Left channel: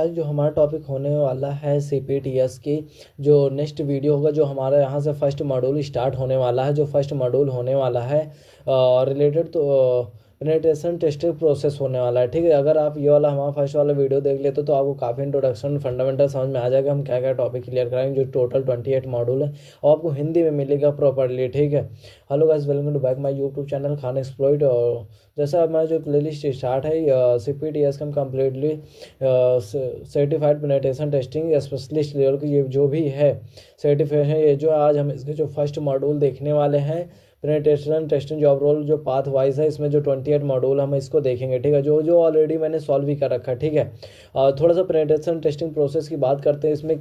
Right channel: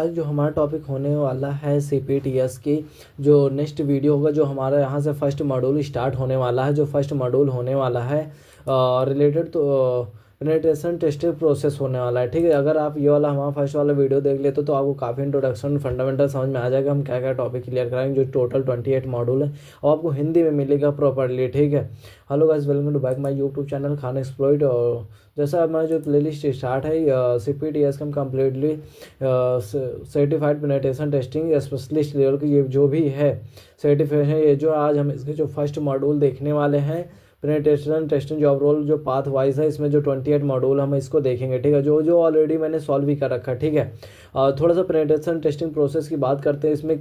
आज जो हमारा टॉपिक होने वाला है CPTS की जो नेक्स्ट वीडियो होगा, जो हमारा यहाँ से फर्स्ट मॉड्यूल स्टार्ट होने वाला है। जो फर्स्ट मॉड्यूल होने वाला है रिलेटेड तो पेनिट्रेशन टेस्टिंग प्रोसेस होने वाला है। ठीक है, अगर आप ये वाला हमारा फर्स्ट वाला वीडियो देख लेते तो आपको काफ़ी इंट्रोडक्शन फंडामेंटल समझ में आ जाएगा, हम क्या क्या टॉपिक क्लियर कराएंगे। जो टोटल 28 मॉड्यूल है और आपको हिंदी में मिलेगा प्रॉपरली। ठीक है, hello guys, welcome to back my YouTube channel Khan exploit. और जैसा हमारा जो प्लेलिस्ट स्टार्ट है CPTS का completely certified penetration testing specialist level की ये जो भी है सर्टिफिकेशन, ये जो आज हम इसके जो फर्स्ट मॉड्यूल देखने वाले हैं पेनिट्रेशन टेस्टिंग जॉब रोल जो पाथ वाइज है, इसमें जो 28 मॉड्यूल हम इसको देखेंगे। ठीक है, जो जो ऑलरेडी मैंने सॉल्व भी कर रखा है। ठीक है, थोड़ा सा पेनिट्रेशन टेस्टिंग प्रोसेस की बात करते हैं। इसमें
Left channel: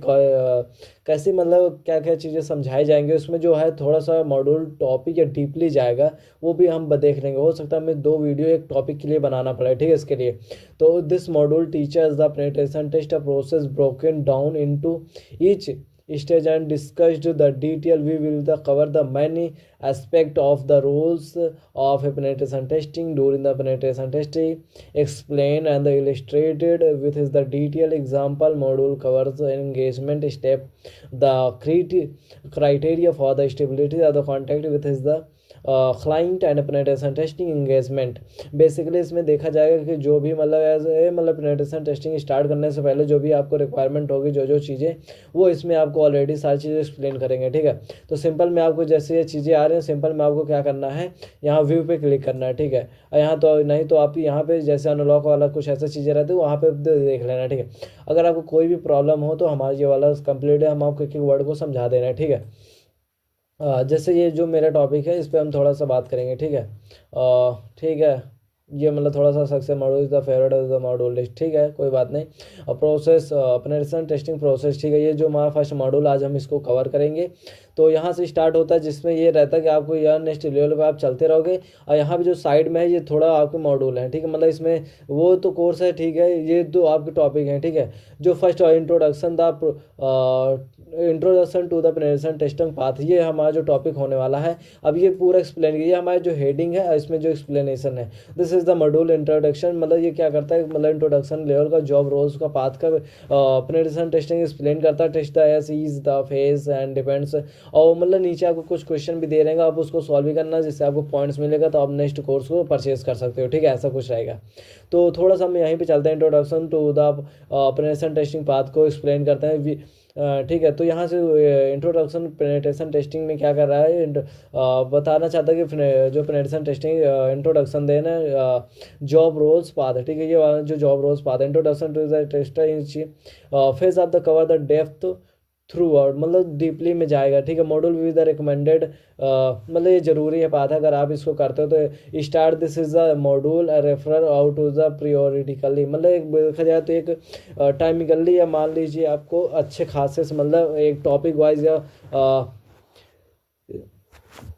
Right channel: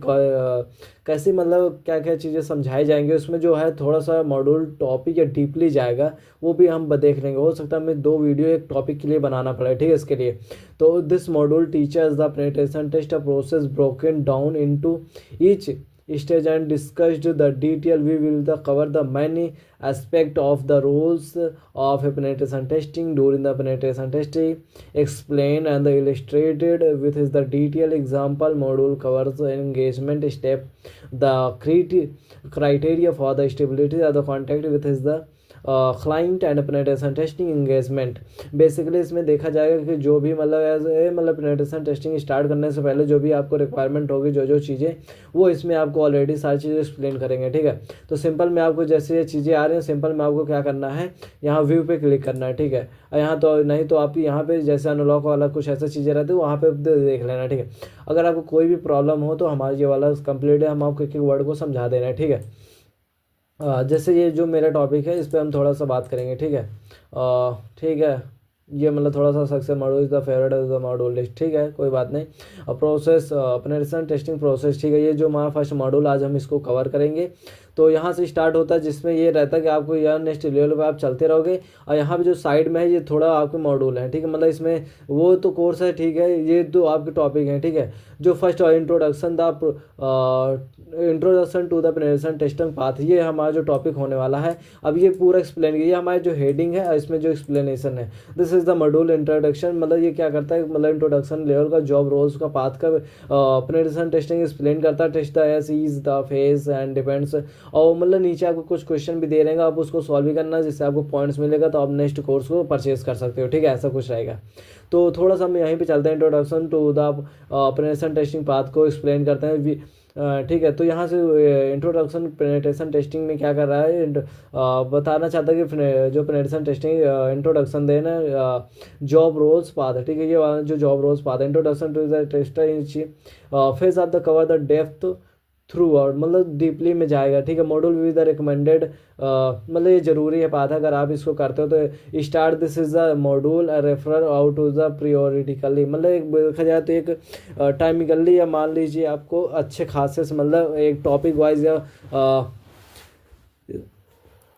कैसी मतलब क्या क्या चीज़ें समझाई जाएंगे, उसमें जो है थोड़ा सा मॉड्यूल टॉपिक या डीपली जाएगा, वो भी हम देख लेंगे। हो सकता है हमें 2 वीडियो एक टॉपिक के लिए बनाना पड़े। ठीक है, इसके लिए तो this module teachers the penetration test process broken down into each stage and discussed the detail. We will cover the many aspect of the rules of a penetration testing. During the penetration testing, explain and illustrated with the detailed example. Module covers engagement step, the criteria for the stability of the contact with the client and penetration testing engagement. Basically इसमें देखा जाएगा कि जो भी मतलब penetration testing start करने से पहले जो भी आपको रिक्वायरमेंट होगी, जो जो चीज़ें, वो इसमें आपको ऑलरेडी सारी चीज़ें एक्सप्लेन करेंगे। ठीक है, तो सिंपल में आपको जैसे ये चीज़ें आ रही हैं, सिंपल में आपको क्या करना है, यहाँ व्यू पे क्लिक करना है। ठीक है, यहाँ तो नहीं तो आप यहाँ पे जैसे अनलॉक वाला कुछ ऐसी चीज़ें रहती है, वहाँ पे देख लेना। ठीक है, अगर आपको कोई भी प्रॉब्लम हो तो हमारा ये वाला कंप्लीट है, हम आपको एक एक वर्ड को समझा दे रहे हैं। ठीक है, जैसे ये जो मेरा टॉपिक है इस पर हम थोड़ा सा बात करेंगे। ठीक है, ठीक है, ये मतलब थोड़ा सा success module is the favourite is the module list. ठीक है, कोई बात नहीं। Process penetration testing process. ठीक है, ये जो हमारा फर्स्ट मॉड्यूल आज हम इसको कवर करेंगे। तो यहाँ से स्टार्ट होता है, जिसमें ये रहता है कि आपको यहाँ नेक्स्ट लेवल पे आप चलते रहोगे। और यहाँ पे जो साइड में है ये थोड़ा आपके मॉड्यूल है। ठीक है, मतलब इसमें वो तो कोर्स है। ठीक है, ये तो आपके टॉपिक हैं। ठीक है, जो first introduction to the penetration testing path, ये हमारा जो टॉपिक होने वाला है। अब ये पूरा एक्सप्लेन किया, हमारा जो हेडिंग है इसमें जो एक्सप्लेनेशन है, this is the module introduction. मतलब ये क्या करता है, मतलब इंट्रोडक्शन लेवल का जॉब रोल्स का पाथ का पेनिट्रेशन टेस्टिंग एक्सप्लेन करता है। Test the S is the phase and depends. और मतलब नीचे आपको कुछ क्वेश्चन भी दे रहेगा, आप उसको सॉल्व भी करना है, जिससे आपको पॉइंट्स मिलेगा, तो आप नेक्स्ट कोर्स को परचेज कर सकते हो। ठीक है, ऐसा कुछ रहेगा। तो थोड़ा सा हम यहीं पे चलते हैं, introduction to the penetration testing path को एक्सप्लेन करते हैं। ठीक है, तो यहाँ से इंट्रोडक्शन पेनिट्रेशन टेस्टिंग में क्या कर रहा है, बताना चाहता है कि जो पेनिट्रेशन टेस्टिंग इंट्रोडक्शन देना जॉब रोल्स पाथ है। ठीक है, ये वाला जो जॉब रोल्स पाथ है, introduction to the tester phase of the cover the depth throughout, मतलब डीपली में जाएगा। ठीक है, मॉड्यूल विद द रिकमेंडेड, मतलब ये जरूरी है पाथ। अगर आप इसको करते हो तो start this is the module refer out to the प्रियोरिटिकली, मतलब एक देखा जाए तो एक टाइमिकली, या मान लीजिए आपको अच्छे खासे से मतलब एक टॉपिक वाइज या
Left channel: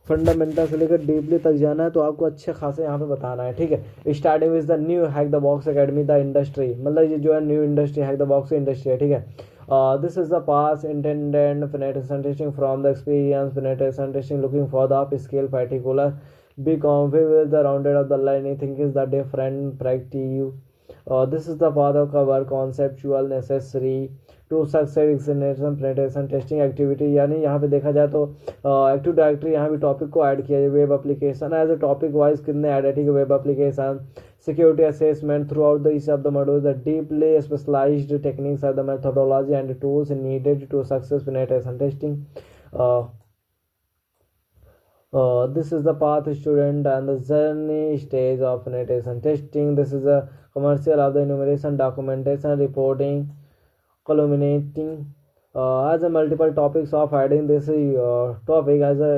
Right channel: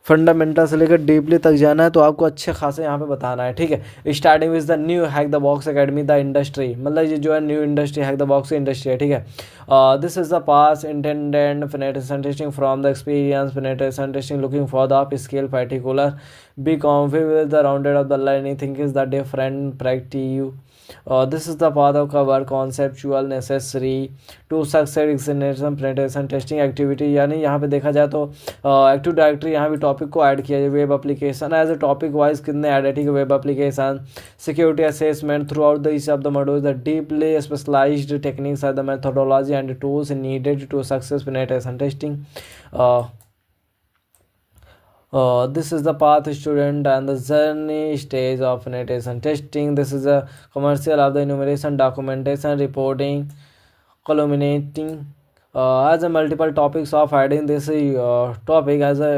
फंडामेंटल से लेकर डीपली तक जाना है, तो आपको अच्छे खासे यहाँ पे बताना है। ठीक है, starting with the new hack the box academy the industry, मतलब ये जो है new industry hack the box industry है। ठीक है, this is the pass intended penetration testing from the experience penetration testing looking for the up scale particular be confident with the rounded of the learning think is the different practice. This is the path of cover conceptual necessary to succeed examination penetration testing activity। यानी यहाँ पे देखा जाए तो active directory यहाँ भी topic को add किया जाए। Web application as a topic wise कितने ऐड है। ठीक है, web application security assessment throughout the each of the module the deeply specialized techniques are the methodology and tools needed to success penetration testing. This is the path student and the journey stage of penetration testing. This is a commercial of the enumeration, documentation, reporting, culminating as a multiple topics of adding this topic as a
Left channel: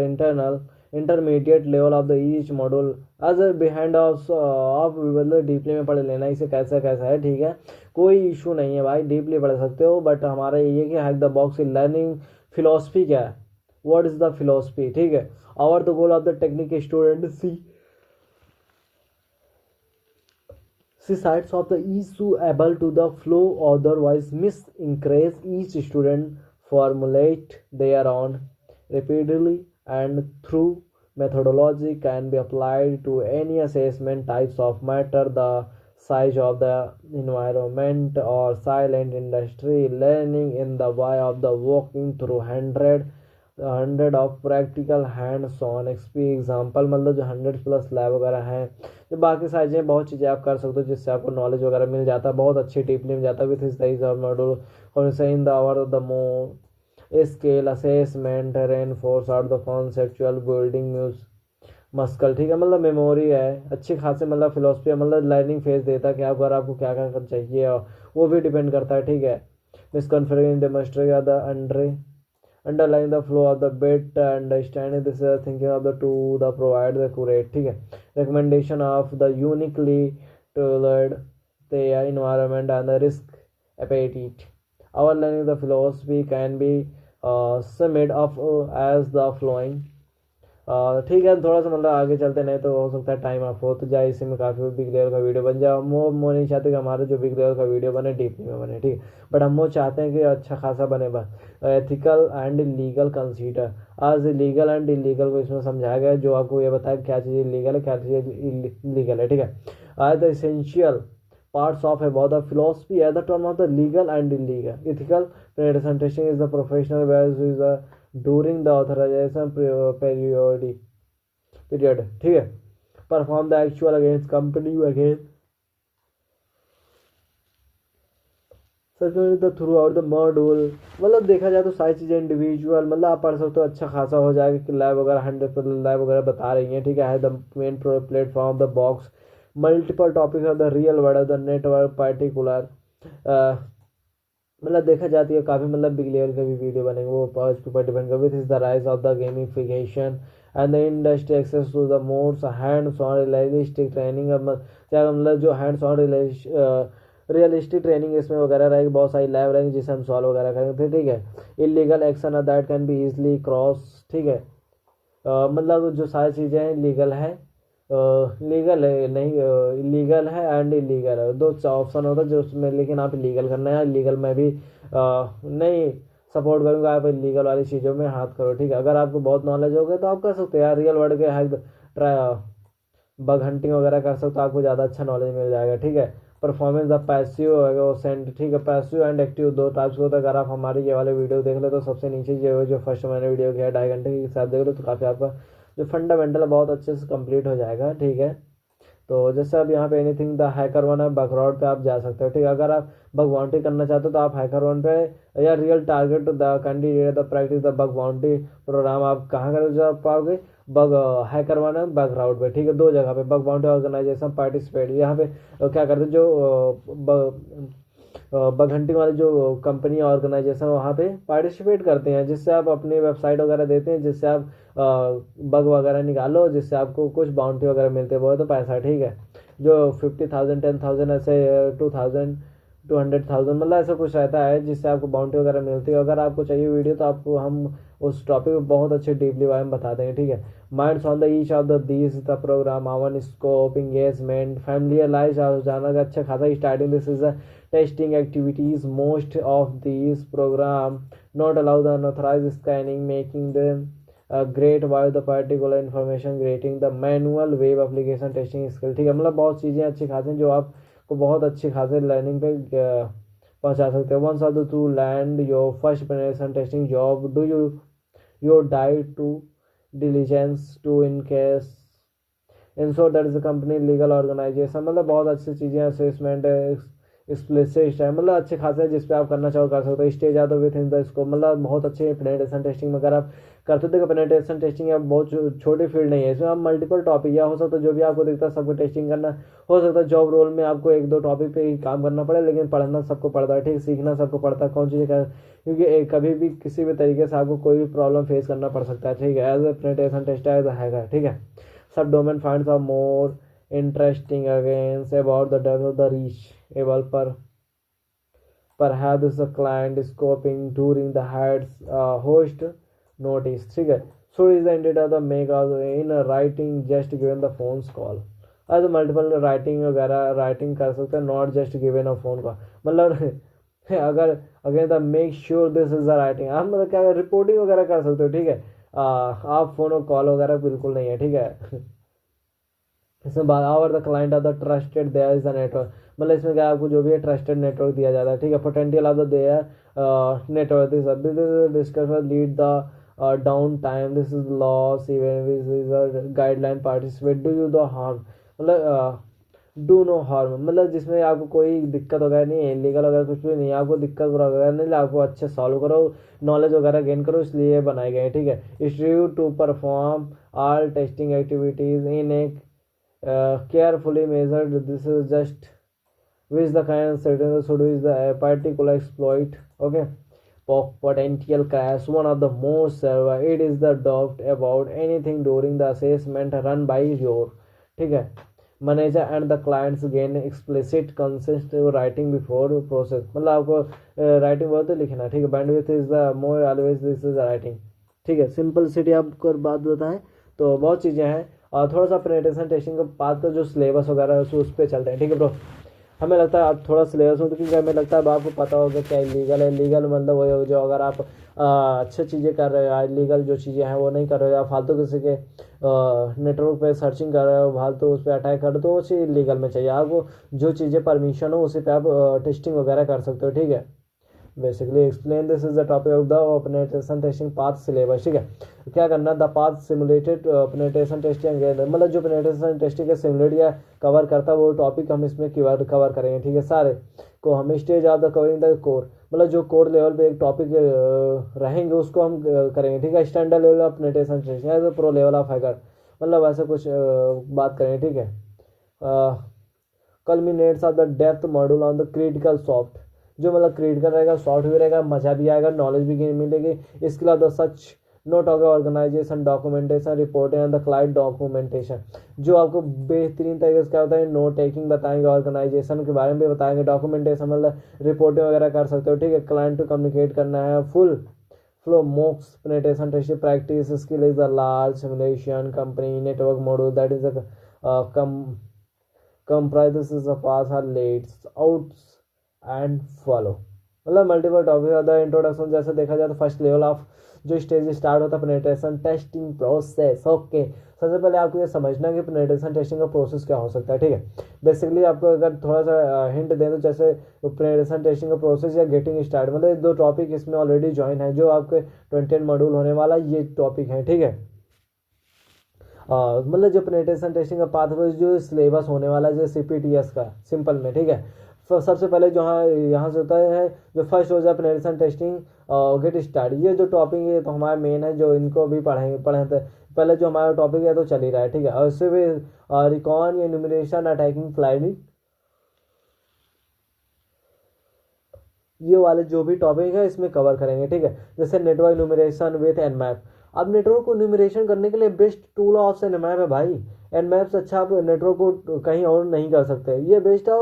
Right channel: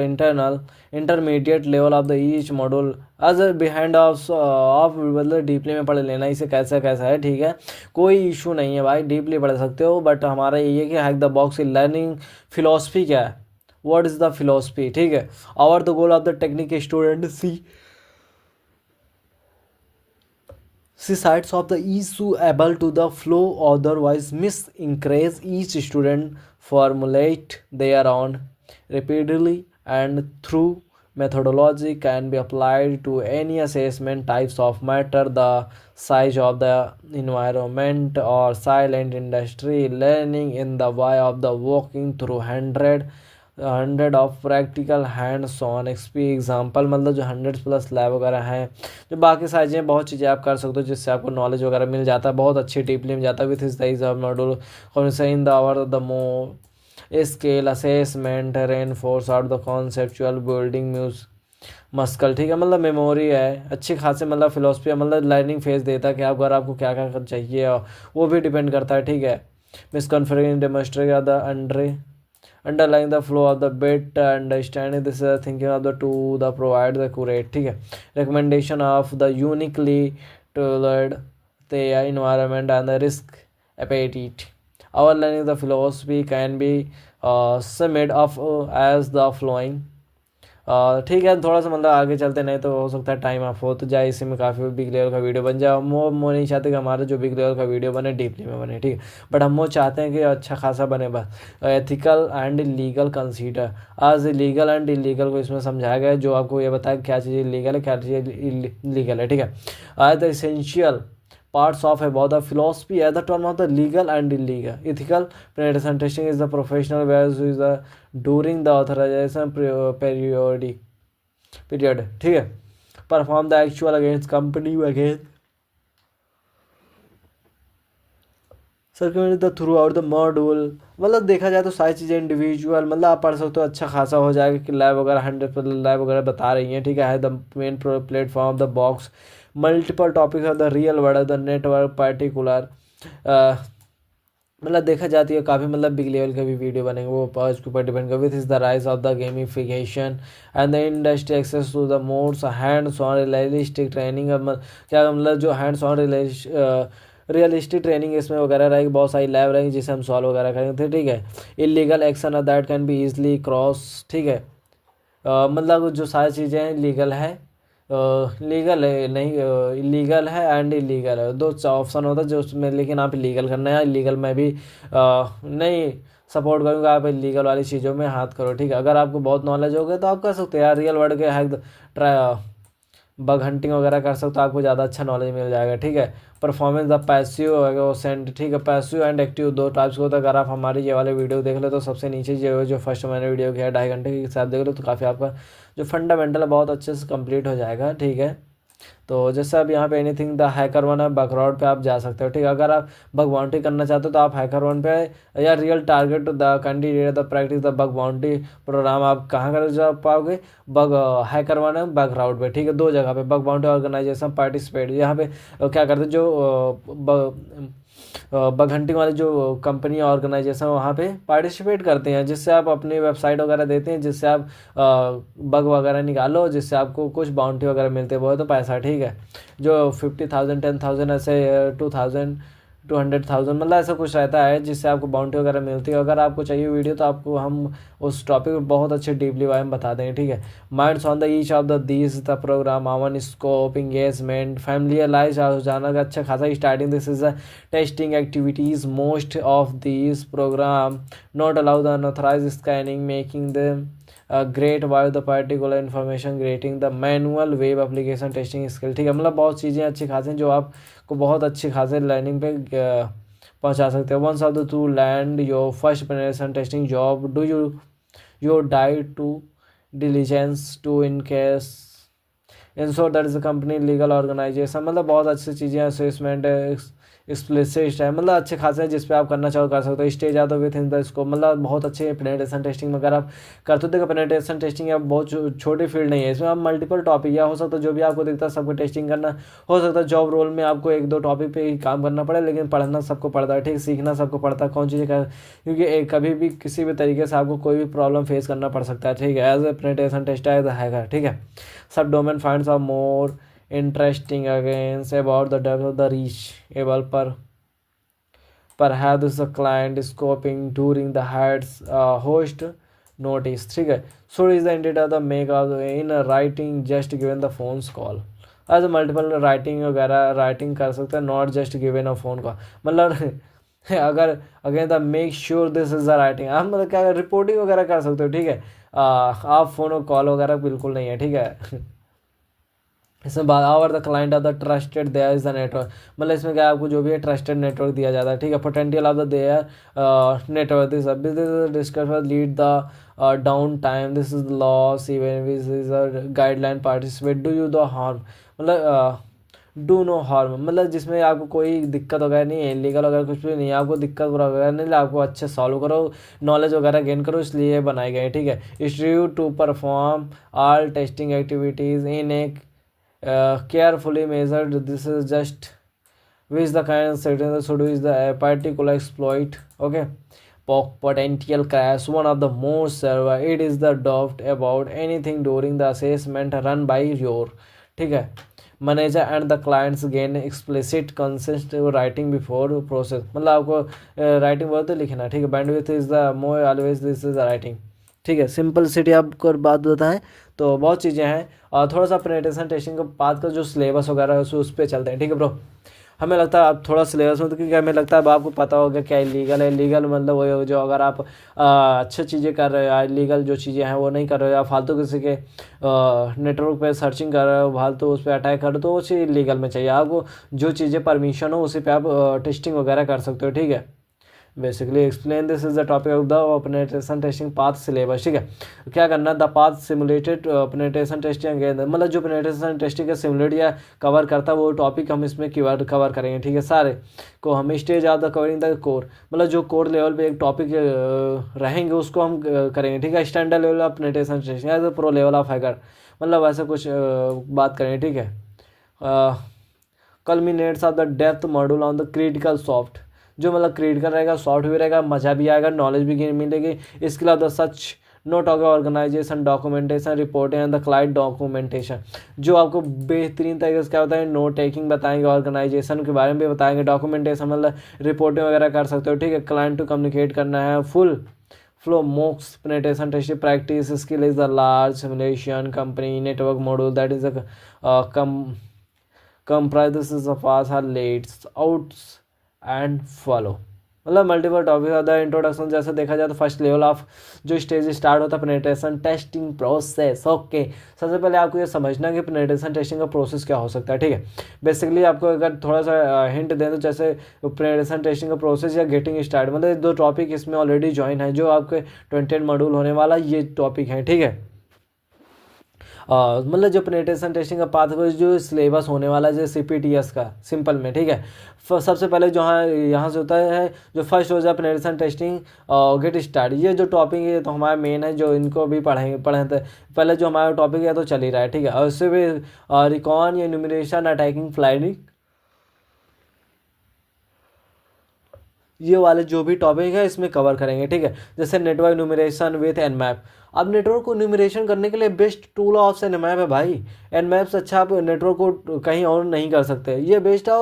intermediate level of the each module as a behind of मतलब deeply में पढ़ लेना इसे कैसा कैसा है। ठीक है, कोई इशू नहीं है भाई, डीपली पढ़ सकते हो। बट हमारा ये है कि हैक द बॉक्स की लर्निंग फिलोसफी क्या है, what is the philosophy। ठीक है, our the goal of the technique student see sides of the issue able to the flow, otherwise miss encourage each student formulate their own repeatedly and through methodology can be applied to any assessment types of matter. The size of the environment or silent industry, learning in the way of the walking through hundred of practical hands on example, मतलब जो 100+ lab वगैरह है, जो बाकी सारी चीज़ें बहुत चीज़ें आप कर सकते हो जिससे आपको नॉलेज वगैरह मिल जाता है, बहुत अच्छी डीपली मिल जाता है विथ इस module in the hour the मो scale assessment reinforce out the conceptual building muse muscle, ठीक है, मतलब मेमोरी है अच्छी खासी, मतलब फिलोसफी, मतलब लर्निंग फेज देता है कि आप अगर आपको क्या क्या चाहिए और वो भी डिपेंड करता है, ठीक है। Misconfiguring demonstrate the underlying the flow of the bit, understanding this is the thinking of the to the provide the accurate, ठीक है, recommendation of the uniquely tailored the environment and the risk appetite. Our learning the philosophy can be summed up as the following, ठीक है, थोड़ा सा मतलब आगे चलते नहीं तो हो सकता है टाइम ऑफ हो तो जाए, इसी में काफ़ी बिग लेवल का वीडियो बन जाए। वो नहीं चाहते कि हमारा जो बिग लेवल का वीडियो बने डीपली में बने, ठीक है, बट हम वो चाहते हैं कि अच्छा खासा बने। बस एथिकल एंड लीगल कंसीडर आज लीगल एंड इलीगल को इसमें समझाया गया है, जो आपको ये बताया क्या चीज़ लीगल है क्या चीज़ इलीगल है, ठीक है। आज the essential parts of about the philosophy as the term of the legal and illegal. Ethical penetration testing is the professional where is the during the authorization period, ठीक है, perform the actual against company against circular the through out the module, मतलब देखा जाए तो सारी चीज़ें individual, मतलब आप पढ़ सकते हो अच्छा खासा हो जाएगा कि लैब वगैरह 100 लैब वगैरह बता रही हैं, ठीक है the main platform of the box multiple topic of the real world of the network particular, मतलब देखा जाती है काफ़ी मतलब बिग लेवल के भी वीडियो बनेंगे, वो उसके ऊपर डिपेंड कर with is the rise of the gamification and the industry access to the mods hands on realistic training, क्या मतलब जो हैंड्स ऑन रियलिस्टिक ट्रेनिंग इसमें वगैरह रहेगी, बहुत सारी लैब रहेंगी जिसे हम सॉल्व वगैरह करेंगे, ठीक है। Illegal action that can be easily cross, ठीक है, मतलब जो सारी चीज़ें लीगल है लीगल है नहीं इलीगल है एंड इलीगल है, दो ऑप्शन होता है जो उसमें, लेकिन आप इलीगल करना है, इलीगल में भी नहीं सपोर्ट करूँगा, आप इलीगल वाली चीज़ों में हाथ करो, ठीक है। अगर आपको बहुत नॉलेज हो गया तो आप कर सकते हो यार, रियल वर्ल्ड के हैक बग हंटिंग वगैरह कर सकते हो, आपको ज़्यादा अच्छा नॉलेज मिल जाएगा, ठीक है। परफॉर्मेंस द पैसिव सेंड, ठीक है, पैसिव एंड एक्टिव दो टाइप्स को होता है। अगर आप हमारे ये वाले वीडियो देख लो तो सबसे नीचे जो फर्स्ट मैंने वीडियो किया 2.5 घंटे के हिसाब देख लो तो काफ़ी आपका जो फंडामेंटल है बहुत अच्छे से कंप्लीट हो जाएगा, ठीक है। तो जैसे अब यहाँ pay anything the hacker one है बकराउड पे आप जा सकते हो, ठीक है। अगर आप बग बाउंड्री करना चाहते हो तो आप हैकर वन पे या real target the candidate the practice the bug boundary program आप कहाँ कर जा पाओगे, बग हैकर वन है बकराउड पे, ठीक है, दो जगह पे बग बाउंड्री ऑर्गेनाइजेशन पार्टिसिपेट, यहाँ पे क्या करते हैं जो बग हंटिंग वाले जो कंपनी ऑर्गेनाइजेशन वहाँ पे पार्टिसिपेट करते हैं, जिससे आप अपनी वेबसाइट वगैरह देते हैं, जिससे आप बग वगैरह निकालो, जिससे आपको कुछ बाउंड्री वगैरह मिलते हैं, बहुत तो पैसा, ठीक है, जो 50,000 10,000 ऐसे 2,000 200,000 मतलब ऐसा कुछ रहता है जिससे आपको बाउंड्री वगैरह मिलती है। अगर आपको चाहिए वीडियो तो आपको हम उस टॉपिक में बहुत अच्छे डीपली वाइम बता देंगे, ठीक है। Minds on the each of the these the program own scope engagement familiarize हो जाना का अच्छा खासा starting this is the testing activities most of these program not allow the unauthorized scanning making the great why the particular information grating the manual web application testing skill, ठीक है, मतलब बहुत चीज़ें अच्छी खासी जो आपको बहुत अच्छी खासी लर्निंग पे पहुंचा सकते हो। Once of the to land your first penetration testing job do your diet to diligence to in case ensure that is a company legal organization, मतलब बहुत अच्छी चीज़ें असेसमेंट एक्सप्लिसिट है, मतलब अच्छे खासे जिस पे आप करना चाहो कर सकते हो। स्टेज आता विथ इन द स्कोप, मतलब बहुत अच्छे पेनिट्रेशन टेस्टिंग में अगर आप करते हो। देखो पेनिट्रेशन टेस्टिंग है बहुत छोटी फील्ड नहीं है, इसमें आप मल्टीपल टॉपिक या हो सकता है जो भी आपको दिखता है सबको टेस्टिंग करना हो सकता है। जॉब रोल में आपको 1-2 टॉपिक पे ही काम करना पड़े, लेकिन पढ़ना सबको पड़ता है, ठीक, सीखना सबको पड़ता है कौन चीज़ें कर, क्योंकि कभी भी किसी भी तरीके से आपको कोई भी प्रॉब्लम फेस करना पड़ सकता है, ठीक है। एज ए पेनिट्रेशन टेस्ट है, ठीक है। Subdomain finds are more interesting against about the depth of the reachable perhaps the client scoping during the heads host notice, ठीक है। so is the intent of the make of in writing just given the phone's call as multiple writing वगैरह writing कर सकते हैं not just given a phone call, मतलब अगर again the make sure this is the writing आप मतलब क्या reporting वगैरह कर सकते हो, ठीक है। आप फोन और कॉल वगैरह बिल्कुल नहीं है, ठीक है। इसमें our the client of the trusted there is the network, मतलब इसमें क्या है, आपको जो भी है ट्रस्टेड नेटवर्क दिया जाता है, ठीक है। Potential of the there network, this discover lead the downtime, this is loss even this is a guideline participate do you the harm, मतलब डू नो हार्म, मतलब जिसमें आपको कोई दिक्कत वगैरह नहीं है, इलीगल वगैरह कुछ भी नहीं है, आपको दिक्कत वगैरह नहीं, आपको अच्छे सॉल्व करो, नॉलेज वगैरह गेन करो, इसलिए बनाए गए, ठीक है। Institute to perform all testing activities in a carefully measured, this is just which the kind of certain should is the particular exploit, okay. Potential crash, one of the most server, it is the doubt about anything during the assessment run by your, ठीक है, manager and the clients gain explicit consent writing before process, मतलब आपको writing बहुत तो लिखना, ठीक है। Bandwidth is the more always this is writing, ठीक है। सिंपलिसिटी आपको बात बताएं तो बहुत चीज़ें हैं, और थोड़ा सा पेनिट्रेशन टेस्टिंग के बाद का जो सिलेबस वगैरह है उस पर चलते हैं, ठीक है ब्रो। हमें लगता है आप थोड़ा सिलेबस में, तो क्योंकि हमें लगता है अब आपको पता होगा क्या इलीगल है, लीगल मतलब वही जो अगर आप अच्छी चीज़ें कर रहे हो, इलीगल जो चीज़ें हैं वो नहीं कर रहे हो, या फालतू किसी के नेटवर्क पे सर्चिंग कर रहे हो, फालतू उस पर अटैक कर रहे हो, तो वो चीज़ इलीगल में चाहिए आपको। जो चीज़ें परमिशन हो उसी पे आप टेस्टिंग वगैरह कर सकते हो, ठीक है। Basically explain this is the topic of the penetration testing path syllabus, ठीक है। क्या करना, the path simulated penetration testing, मतलब जो पेनिट्रेशन टेस्टिंग का सिमुलेट या कवर करता है वो टॉपिक हम इसमें कवर करेंगे, ठीक है। सारे को हम stage of the covering the core, मतलब जो कोर लेवल पे एक टॉपिक रहेंगे उसको हम करेंगे, ठीक है। Standard level of penetration testing as pro level of hacker, मतलब ऐसा कुछ बात करेंगे, ठीक है। Culminates of the depth module on the critical soft, जो मतलब क्रिटिकल रहेगा, सॉफ्ट भी रहेगा, मज़ा भी आएगा, नॉलेज भी मिलेगी। इसके अलावा such note of organization documentation reporting and the client documentation, जो आपको बेहतरीन तरीके से क्या बताएंगे, नोट टेकिंग बताएंगे, ऑर्गेनाइजेशन के बारे में भी बताएंगे, डॉक्यूमेंटेशन मतलब रिपोर्टिंग वगैरह कर सकते हो, ठीक है। क्लाइंट टू कम्युनिकेट करना है, full flow MOOCs penetration testing practice skill is the large simulation company network module that is comprises of us are lates outs and follow, मतलब मल्टीपल टॉपिक द इंट्रोडक्शन। जैसे देखा जाए तो first level of जो stage start होता है penetration testing process, okay. सबसे पहले आपको ये समझना कि पेनिट्रेशन टेस्टिंग का प्रोसेस क्या हो सकता है, ठीक है। बेसिकली आपको अगर थोड़ा सा हिंट दें तो जैसे पेनिट्रेशन टेस्टिंग का प्रोसेस या गेटिंग स्टार्ट, मतलब दो टॉपिक इसमें ऑलरेडी ज्वाइन है, जो आपके 28 मॉड्यूल होने वाला ये टॉपिक है, ठीक है। मतलब जो पेनिट्रेशन टेस्टिंग का पाथ जो सिलेबस होने वाला है जैसे CPTS का सिंपल में, ठीक है। सबसे पहले जो है यहाँ से होता है जो फर्स्ट हो जाए पेनिट्रेशन टेस्टिंग गेट स्टार्ट, ये जो टॉपिक है तो हमारा मेन है, जो इनको भी पढ़े थे पहले, जो हमारा टॉपिक है तो चल ही रहा है, ठीक है। और उससे भी रिकॉन या न्यूमरेशन अटैकिंग फ्लाइटिंग, ये वाले जो भी टॉपिक है इसमें कवर करेंगे, ठीक है। जैसे नेटवर्क न्यूमरेशन विथ एनमैप, अब नेटवर्क को न्यूमरेशन करने के लिए बेस्ट टूल ऑफ एनमैप है भाई। एनमैप से अच्छा आप नेटवर्क को कहीं और नहीं कर सकते, ये बेस्ट है।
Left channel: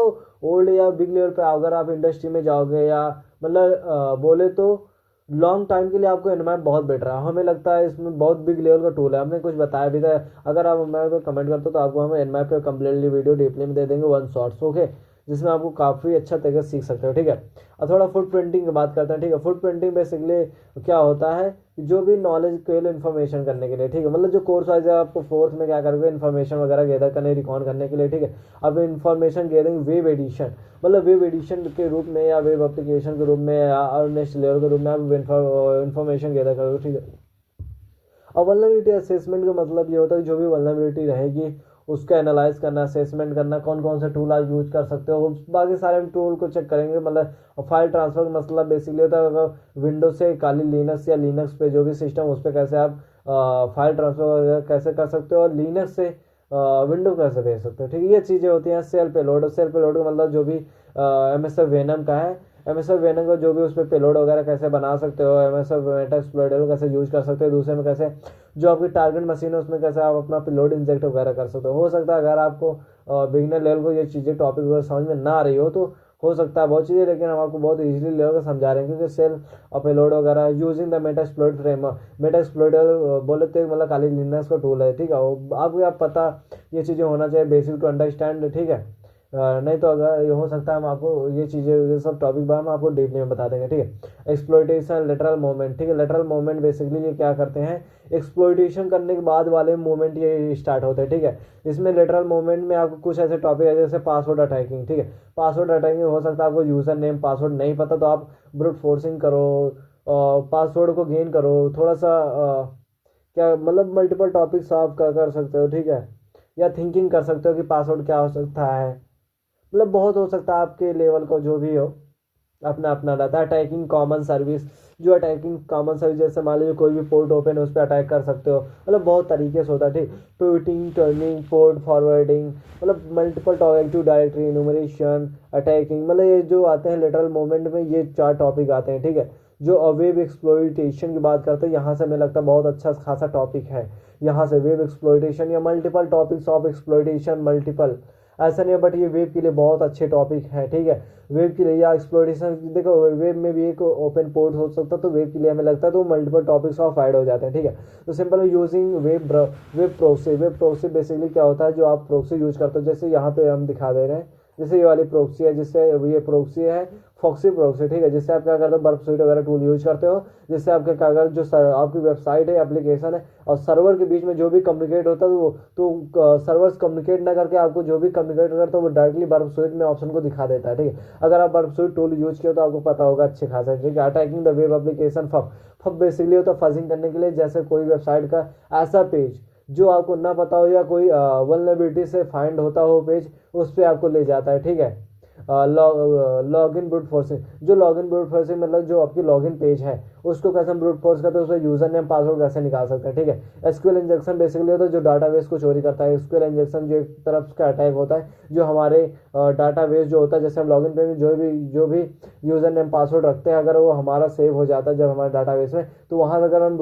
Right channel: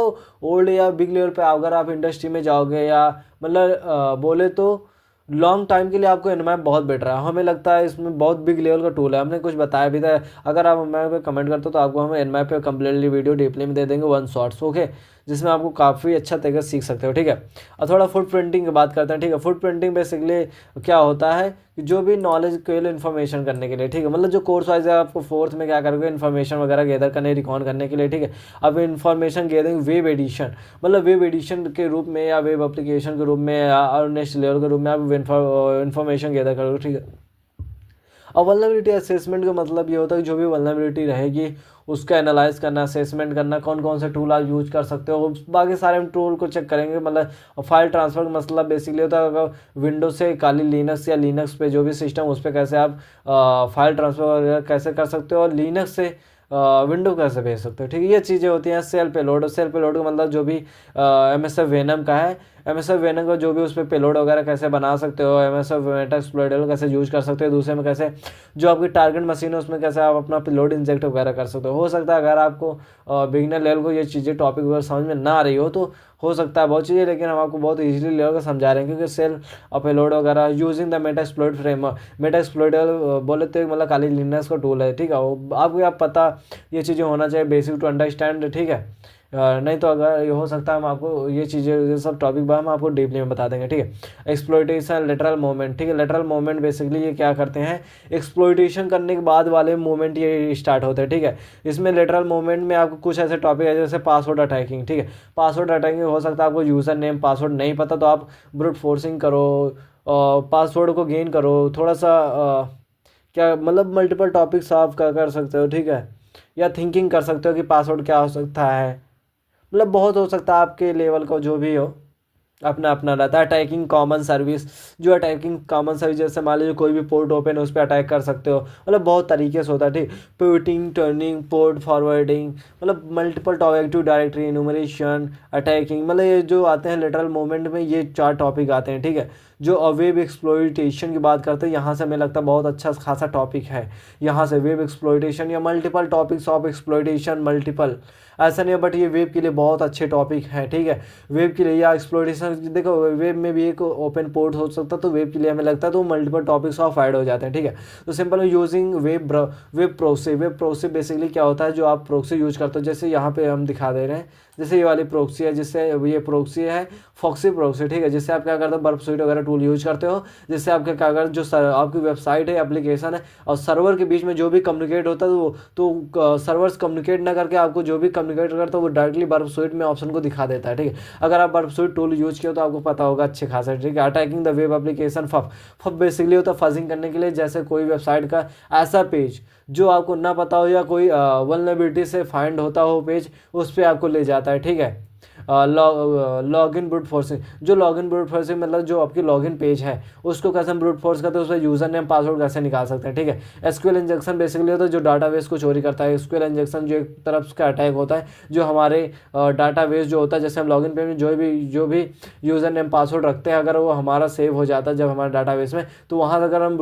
ओल्ड या बिग लेवल पे अगर आप इंडस्ट्री में जाओगे या मतलब बोले तो लॉन्ग टाइम के लिए आपको एनमैप बहुत बेटर है, हमें लगता है इसमें बहुत बिग लेवल का टूल है, हमने कुछ बताया भी था। अगर आप एनमैप पे कमेंट करते हो तो आपको हम एनमैप पे कंप्लीटली वीडियो डीपली में दे देंगे 1 शॉट्स, ओके, जिसमें आपको काफ़ी अच्छा तरीके से सीख सकते हो, ठीक है। और थोड़ा फुट प्रिंटिंग की बात करते हैं, ठीक है। फुट प्रिंटिंग बेसिकली क्या होता है कि जो भी नॉलेज के लिए इन्फॉर्मेशन करने के लिए, ठीक है, मतलब जो कोर्स वाइज है आपको फोर्थ में क्या करोगे, इन्फॉर्मेशन वगैरह गैदर करने रिकॉर्ड करने के लिए, ठीक है। अब इन्फॉर्मेशन गैदरिंग वेब एडिशन, मतलब वेब एडिशन के रूप में या वेब एप्लीकेशन के रूप में या नेक्स्ट लेवल के रूप में आप इन्फॉर्मेशन गैदर करोगे, ठीक है। और वल्नरेबिलिटी असेसमेंट का मतलब ये होता है कि जो भी वल्नरेबिलिटी रहेगी उसका एनालाइज करना, असेसमेंट करना, कौन कौन से टूल आप यूज कर सकते हो, बाकी सारे टूल को चेक करेंगे। मतलब फाइल ट्रांसफर का मतलब बेसिकली होता है अगर विंडोज से खाली लिनक्स या लिनक्स पे जो भी सिस्टम उस पर कैसे आप फाइल ट्रांसफर कैसे कर सकते हो, और लिनक्स से विंडो कैसे भेज सकते हो, ठीक है। ये चीज़ें होती हैं। सेल पेलोड का मतलब जो भी MSF वेनम का है, MSF वेनम का जो भी उस पर पेलोड वगैरह कैसे बना सकते हो, MSF मेटास्प्लॉइडर कैसे यूज कर सकते हो, दूसरे में कैसे जो आपकी टारगेट मशीन है उसमें कैसे आप अपना पेलोड इंजेक्ट वगैरह कर सकते हो सकता है अगर आपको बिगिनर लेवल को ये चीज़ें टॉपिक वगैरह समझ में ना आ रही हो तो हो सकता है बहुत चीज़ें, लेकिन हम आपको बहुत इजीली लेवल का समझा रहे हैं क्योंकि सेल और पेलोड वगैरह यूजिंग द मेटास्प्लॉइड फ्रेमवर्क। मेटास्प्लॉइडर बोले तो मतलब खाली लिनक्स का टूल है, ठीक है। आपको आप पता ये चीज़ें होना चाहिए बेसिक टू अंडरस्टैंड, ठीक है। नहीं तो अगर ये हो सकता है हम आपको ये चीज़ें ये सब टॉपिक हम आपको डीपली में बता देंगे, ठीक है। एक्सप्लॉइटेशन लेटरल मूवमेंट, ठीक है। लेटरल मूवमेंट बेसिकली ये क्या करते हैं, एक्सप्लॉइटेशन करने के बाद वाले मूवमेंट ये स्टार्ट होते हैं, ठीक है। इसमें लेटरल मूवमेंट में आपको कुछ ऐसे टॉपिक है जैसे पासवर्ड अटैकिंग, ठीक है। पासवर्ड अटैकिंग हो सकता है आपको यूज़र नेम पासवर्ड नहीं पता तो आप ब्रूट फोर्सिंग करो, पासवर्ड को गेन करो, थोड़ा सा क्या मतलब मल्टीपल टॉपिक्स आप क्या कर सकते हो, ठीक है। या थिंकिंग कर सकते हो कि पासवर्ड क्या हो सकता है, मतलब बहुत हो सकता है आपके लेवल को जो भी हो अपना अपना रहता है। अटैकिंग कॉमन सर्विस, जो अटैकिंग कॉमन सर्विस जैसे मान लीजिए कोई भी पोर्ट ओपन है उस पर अटैक कर सकते हो, मतलब बहुत तरीके से होता है, ठीक। पिवटिंग, टर्निंग, पोर्ट फॉरवर्डिंग, मतलब multiple topic to directory enumeration, attacking, मतलब ये जो आते हैं लेटरल मूवमेंट में ये 4 टॉपिक आते हैं, ठीक है। जो वेब एक्सप्लॉइटेशन की बात करते हैं यहाँ से हमें लगता है बहुत अच्छा खासा टॉपिक है यहाँ से, वेब एक्सप्लॉइटेशन या multiple topics of exploitation, multiple ऐसा नहीं है, बट ये वेब के लिए बहुत अच्छे टॉपिक हैं, ठीक है। वेब के लिए या एक्सप्लोरेशन, देखो वेब में भी एक ओपन पोर्ट हो सकता है तो वेब के लिए हमें लगता है तो मल्टीपल टॉपिक्स ऑफ ऐड हो जाते हैं, ठीक है। तो simple using web proxy, web proxy basically क्या होता है, जो आप प्रोक्सी यूज करते हो, जैसे यहाँ पे हम दिखा दे रहे हैं, जैसे ये वाली प्रोक्सी है, जिससे ये प्रोक्सी है फॉक्सी प्रोक्सी, ठीक है। जिससे आप क्या करते हो, बर्फ स्वीट वगैरह टूल यूज करते हो, जिससे आपके क्या करते जो आपकी वेबसाइट है, एप्लीकेशन है और सर्वर के बीच में जो भी कम्युनिकेट होता है तो सर्वर्स कम्युनिकेट ना करके आपको जो भी कम्युनिकेट करता है वो डायरेक्टली बर्फ स्वीट में ऑप्शन को दिखा देता है, ठीक है। अगर आप बर्फ स्वीट टूल यूज किया तो आपको पता होगा अच्छे खासा, ठीक है। Attacking the web application, puff basically होता है फजिंग करने के लिए, जैसे कोई वेबसाइट का ऐसा पेज जो आपको ना पता हो या कोई वल्नरेबिलिटी से फाइंड होता हो पेज, उस पर आपको ले जाता है, ठीक है। लॉग इन ब्रूट फोर्सिंग, जो लॉग इन ब्रूट फोर्सिंग मतलब जो आपकी लॉग इन पेज है उसको कैसे हम ब्रूट फोर्स करते हैं, उसमें यूजर नेम पासवर्ड कैसे निकाल सकते हैं, ठीक है। एसक्यूएल इंजेक्शन बेसिकली होता है जो डाटाबेस को चोरी करता है। एसक्यूएल इंजेक्शन जो एक तरफ का अटैक होता है जो हमारे डाटाबेस जो होता है, जैसे हम लॉग इन पेज में जो भी यूजर नेम पासवर्ड रखते हैं अगर वो हमारा सेव हो जाता है जब हमारे डाटाबेस में, तो वहाँ से अगर हम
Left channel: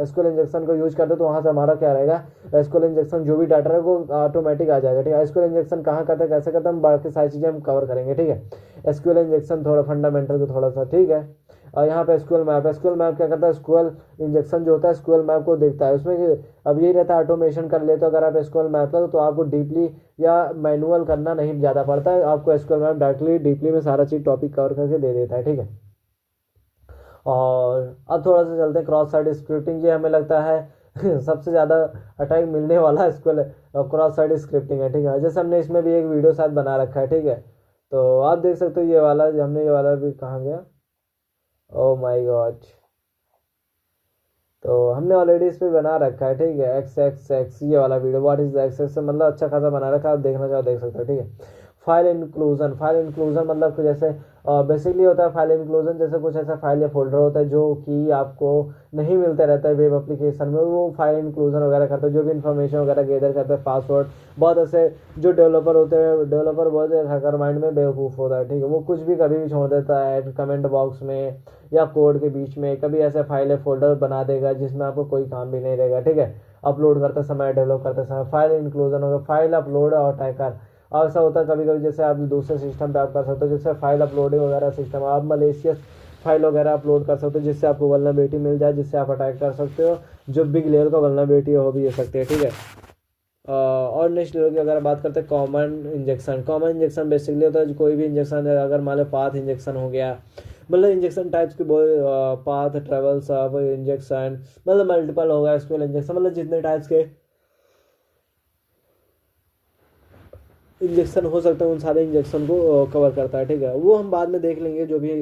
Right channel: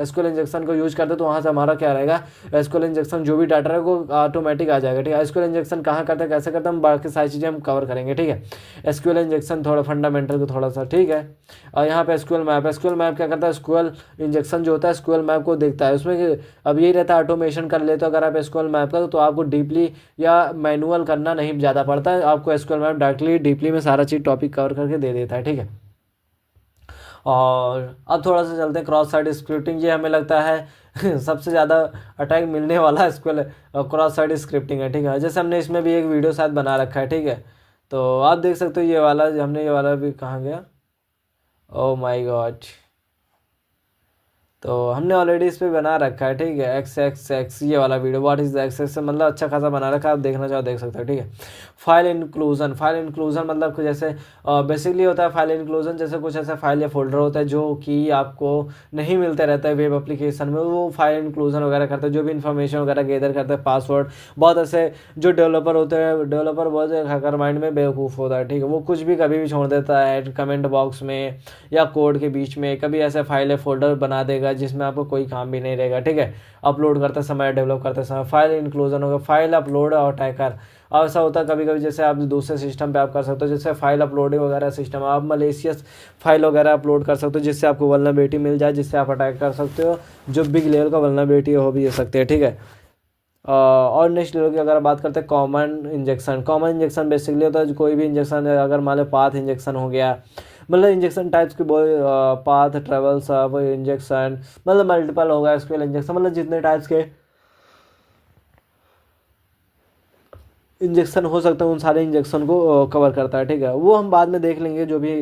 एसक्यूएल इंजेक्शन को यूज करते हैं तो वहाँ से हमारा क्या रहेगा, एसक्यूएल इंजेक्शन जो भी डाटा है वो ऑटोमेटिक आ जाएगा, ठीक है। एसक्यूएल इंजेक्शन कहाँ करते हैं, कैसे करते हैं, हम बाकी सारी चीज़ें हम कवर करेंगे, ठीक है। एसक्यूएल इंजेक्शन थोड़ा फंडामेंटल को थोड़ा सा, ठीक है। और यहाँ पे एसक्यूएल मैप क्या करता है, एसक्यूएल इंजेक्शन जो होता है एसक्यूएल मैप को देखता है, उसमें अब यही रहता है ऑटोमेशन कर लेते हो अगर आप एसक्यूएल मैप का तो आपको डीपली या मैनुअल करना नहीं ज़्यादा पड़ता है, आपको एसक्यूएल मैप डायरेक्टली डीपली में सारा चीज़ टॉपिक कवर करके दे देता है, ठीक है। और अब थोड़ा सा चलते हैं क्रॉस साइट स्क्रिप्टिंग, ये हमें लगता है सबसे ज़्यादा अटैक मिलने वाला एसक्यूएल क्रॉस साइट स्क्रिप्टिंग है, ठीक है। जैसे हमने इसमें भी एक वीडियो शायद बना रखा है, ठीक है। तो आप देख सकते हो ये वाला, हमने ये वाला भी कहाँ गया, ओ माय गॉड, तो हमने ऑलरेडी इस पर बना रखा है, ठीक है। एक्स एक्स एक्स ये वाला video, what is the x x, मतलब अच्छा खासा बना रखा है, आप देखना चाहो देख सकते हो, ठीक है। फाइल इंक्लूजन मतलब जैसे बेसिकली होता है फाइल इंक्लूजन, जैसे कुछ ऐसे फाइल या फोल्डर होता है जो कि आपको नहीं मिलते रहते हैं वेब एप्लीकेशन में, वो फाइल इंक्लूजन वगैरह करते हैं, जो भी इन्फॉर्मेशन वगैरह गैदर करते हैं, पासवर्ड, बहुत ऐसे जो डेवलपर होते हैं, डेवलपर बहुत हैकर माइंड में बेवकूफ़ होता है, ठीक है। वो कुछ भी कभी भी छोड़ देता है कमेंट बॉक्स में या कोड के बीच में, कभी ऐसे फाइल या फोल्डर बना देगा जिसमें आपको कोई काम भी नहीं रहेगा, ठीक है। अपलोड करते समय, डेवलप करते समय फाइल इंक्लूजन होगा, फाइल अपलोड और अटैकर, अब ऐसा होता है कभी कभी जैसे आप दूसरे सिस्टम पे आप कर सकते हो, जैसे फाइल अपलोडिंग वगैरह सिस्टम, आप मलेशियस फाइल वगैरह अपलोड कर सकते हो जिससे आपको वल्नरेबिलिटी मिल जाए, जिससे आप अटैक कर सकते हो, जो बिग लेवल का वल्नरेबिलिटी हो भी सकते हैं, ठीक है। और नेक्स्ट लेवल की अगर बात करते हैं कॉमन इंजेक्शन बेसिकली होता है कोई भी इंजेक्शन है, अगर मान लो पाथ इंजेक्शन हो गया, मतलब इंजेक्शन टाइप्स के पाथ, ट्रेवल सब इंजेक्शन, मतलब मल्टीपल होगा एसक्यूएल इंजेक्शन, मतलब जितने टाइप्स के इंजेक्शन हो सकते हैं उन सारे इंजेक्शन को कवर करता है, ठीक है। वो हम बाद में देख लेंगे जो भी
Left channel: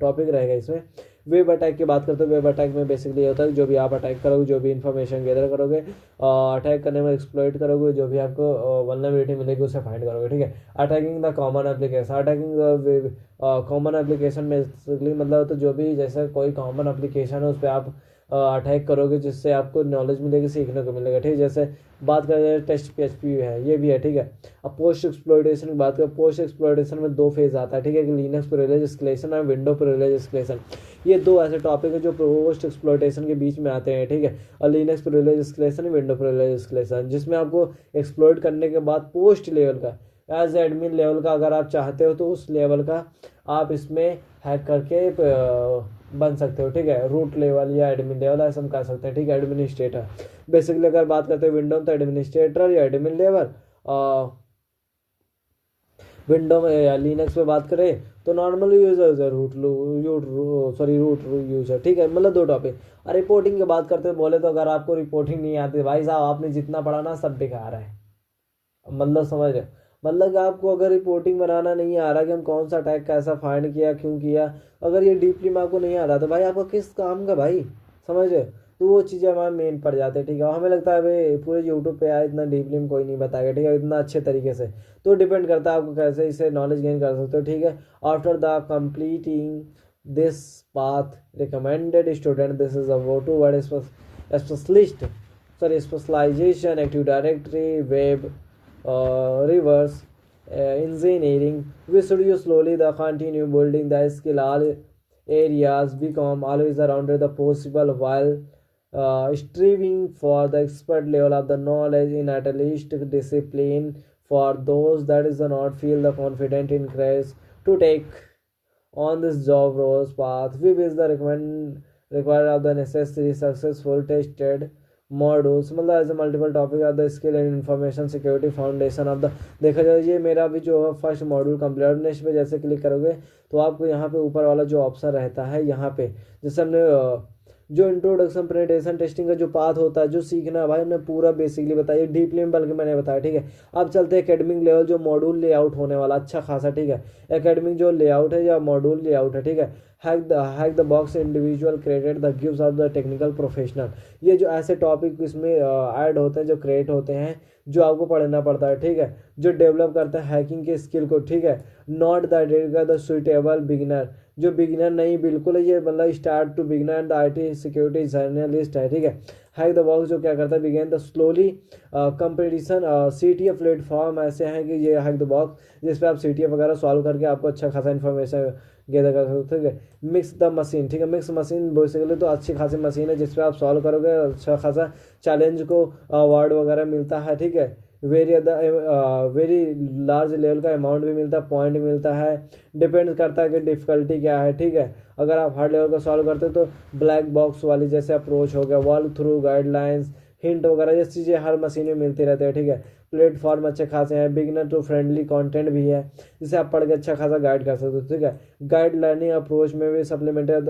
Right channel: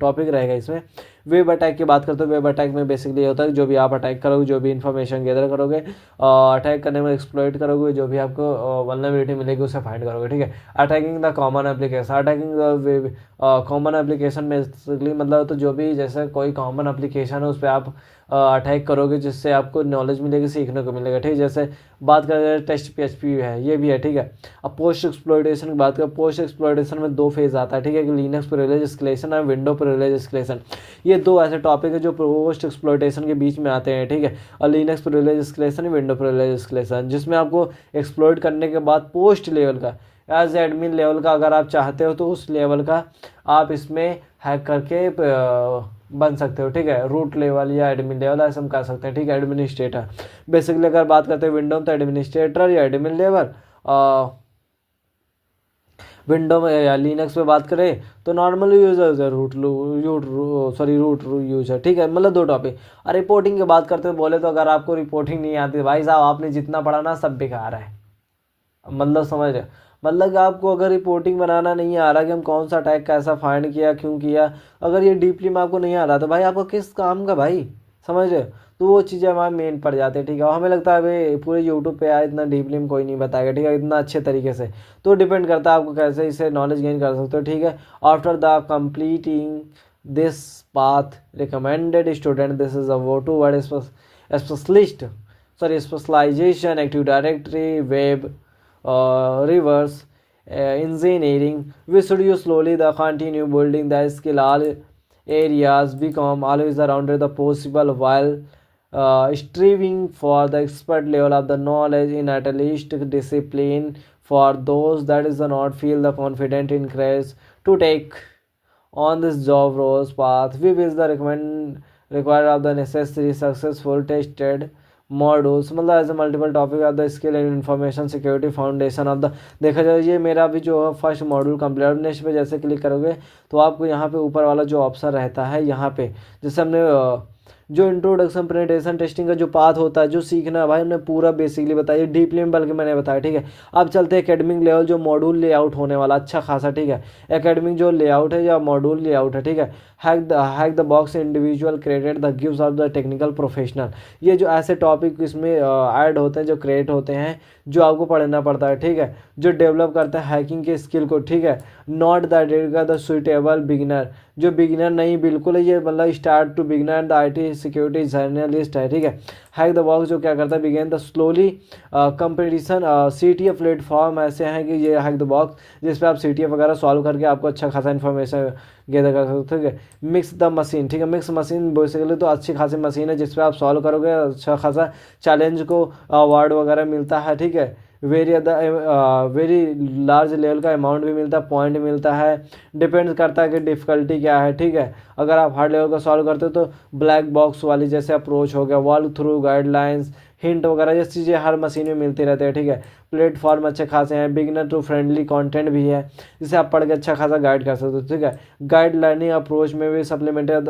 टॉपिक रहेगा इसमें। वेब अटैक की बात करते हैं, वेब अटैक में बेसिकली होता है जो भी आप अटैक करोगे, जो भी इन्फॉर्मेशन गैदर करोगे, अटैक करने में एक्सप्लॉइट करोगे, जो भी आपको वल्नरेबिलिटी मिलेगी उसे फाइंड करोगे, ठीक है। Attacking the common application, attacking the common application basically मतलब तो जो भी जैसे कोई कॉमन एप्लीकेशन है उस पर आप अटैक करोगे जिससे आपको नॉलेज मिलेगी, सीखने को मिलेगा, ठीक है। जैसे बात करें टेस्ट PHP है, ये भी है, ठीक है। अब पोस्ट एक्सप्लॉइटेशन की बात करें, पोस्ट एक्सप्लॉइटेशन में 2 फेज आता है, ठीक है। लिनक्स प्रिविलेज एस्केलेशन और विंडो प्रिविलेज एस्केलेशन, ये 2 ऐसे टॉपिक है जो पोस्ट एक्सप्लॉइटेशन के बीच में आते हैं, ठीक है। और Linux privilege escalation, window privilege escalation, जिसमें आपको एक्सप्लॉइट करने के बाद पोस्ट लेवल का एज एडमिन लेवल का अगर आप चाहते हो तो उस लेवल का आप इसमें हैक करके बन सकते हो, ठीक है। रूट लेवल या एडमिन लेवल ऐसा हम कर सकते हैं, ठीक है। एडमिनिस्ट्रेटर बेसिकली अगर बात करते हैं विंडो में तो एडमिनिस्ट्रेटर या एडमिन लेवल, विंडो में या लिनक्स पे बात करें तो नॉर्मल यूजर है, रूट यूजर, ठीक है। मतलब 2 टॉपिक। और रिपोर्टिंग की बात करते बोले तो अगर आपको रिपोर्टिंग नहीं आती भाई साहब, आपने जितना पढ़ा ना सब बेकार है। मतलब समझ रहे, मतलब कि आपको अगर रिपोर्टिंग बनाना नहीं आ रहा कि हम कौन सा टैग कैसा फाइंड किया क्यों किया, अगर ये डीपली में आपको नहीं आ रहा तो भाई आपको किस काम का भाई, समझ रहे हो। तो वो चीज़ें हमारे मेन पड़ जाती है, ठीक है। और हमें लगता है भाई पूरे यूट्यूब पे आए इतना डीपली में कोई नहीं बताएगा, ठीक है, इतना अच्छे तरीके से। तो डिपेंड करता है आपको कैसे इसे नॉलेज गेन कर सकते हो, ठीक है। After the completing this path recommended student, this is a वो toward specialist, sorry specialization, active directory, web, reverse engineering. We should use slowly the continue building the skill. All areas become always around the possible while striving for the expert level of the knowledge in at least discipline. For those that is not feel the confident in increase to take on this job roles path, we will the recommend require of the necessary successful tested modules, मतलब as a multiple topic of the skill and information security foundation of the. देखा जाए ये मेरा भी जो first module complete, next पे जैसे click करोगे तो आपको यहाँ पे ऊपर वाला जो ऑप्शन रहता है यहाँ पे जैसे हमने जो इंट्रोडक्शन प्रेजेंटेशन टेस्टिंग का जो पाथ होता है, जो सीखना है भाई हमने पूरा बेसिकली बताया, डीपली में बल्कि मैंने बताया, ठीक है। अब चलते हैं एकेडमिक लेवल जो मॉड्यूल लेआउट होने वाला अच्छा खासा, ठीक है। एकेडमिक जो लेआउट है या मॉड्यूल लेआउट है, ठीक है। Hack the box individual created the gives off the technical professional, ये जो ऐसे टॉपिक इसमें ऐड होते हैं जो क्रिएट होते हैं जो आपको पढ़ना पड़ता है, ठीक है। जो डेवलप करता है हैकिंग के स्किल को, ठीक है। नॉट द सुइटेबल बिगिनर, जो बिगिनर नहीं बिल्कुल है ये, मतलब start to beginner the IT security journalist है, ठीक है। हैक द बॉक्स जो क्या करता है begin the slowly competition CTF platform ऐसे हैं कि ये हैक द बॉक्स जिस पे आप CTF वगैरह सॉल्व करके आपको अच्छा खासा इन्फॉर्मेशन गैदर कर सकते हो, ठीक है। मिक्स द मशीन, ठीक है। मिक्स मशीन बेसिकली तो अच्छी खासी मशीन है जिस पे आप सॉल्व करोगे अच्छा खासा चैलेंज को अवार्ड वगैरह मिलता है, ठीक है। वेरी लार्ज लेवल का अमाउंट भी मिलता है, पॉइंट मिलता है, डिपेंड करता है कि डिफ़िकल्टी क्या है, ठीक है। अगर आप हार्ड लेवल का सॉल्व करते हो तो ब्लैक बॉक्स वाली जैसे अप्रोच हो गया, वॉक थ्रू गाइडलाइंस, हिंट वगैरह ये चीज़ें हर मशीन में मिलती रहती है, ठीक है। प्लेटफॉर्म अच्छे खासे हैं, बिगिनर टू फ्रेंडली कंटेंट भी है जिसे आप पढ़ के अच्छा खासा गाइड कर सकते हो, ठीक है। गाइड लर्निंग अप्रोच में भी सप्लीमेंटेड,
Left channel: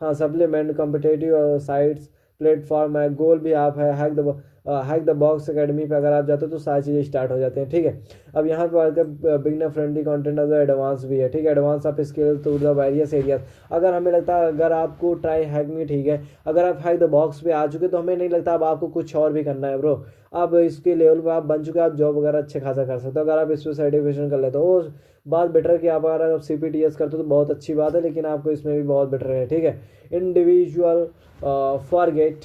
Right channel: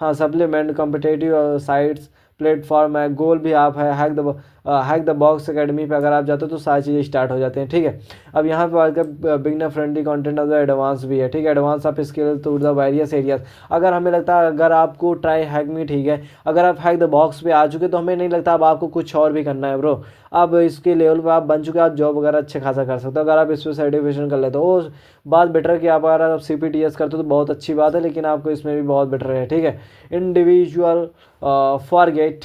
हाँ सप्लीमेंट कॉम्पिटेटिव साइट्स प्लेटफॉर्म है, गोल भी आप है हैक द बॉक्स एकेडमी पे अगर आप जाते हो तो सारी चीज़ें स्टार्ट हो जाती हैं, ठीक है। अब यहाँ पे आकर beginner friendly content of the advance भी है, ठीक है। Advance of skill to the various areas, अगर हमें लगता है अगर आपको ट्राई हैक मी, ठीक है, अगर आप हैक द बॉक्स पे आ चुके तो हमें नहीं लगता अब आपको कुछ और भी करना है ब्रो। अब इसके लेवल पे आप बन चुके, आप जॉब वगैरह अच्छे खासा कर सकते हो अगर आप इस पर सर्टिफिकेशन कर लेते हो। वो बात बेटर है कि आप अगर आप CPTS करते हो तो बहुत अच्छी बात है, लेकिन आपको इसमें भी बहुत बेटर है, ठीक है। Individual forget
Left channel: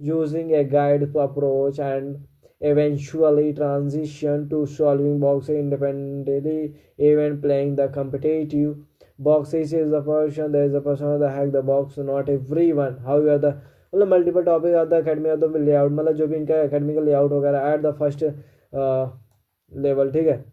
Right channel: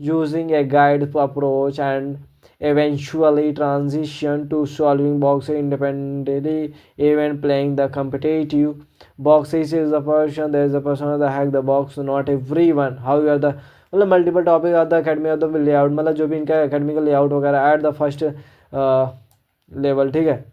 using a guide approach and eventually transition to solving boxes independently even playing the competitive boxes is the person there is a person that hack the box not everyone however the मतलब multiple topic of the academy of the layout, मतलब जो भी इनका academy का layout वगैरह at the first level, ठीक है।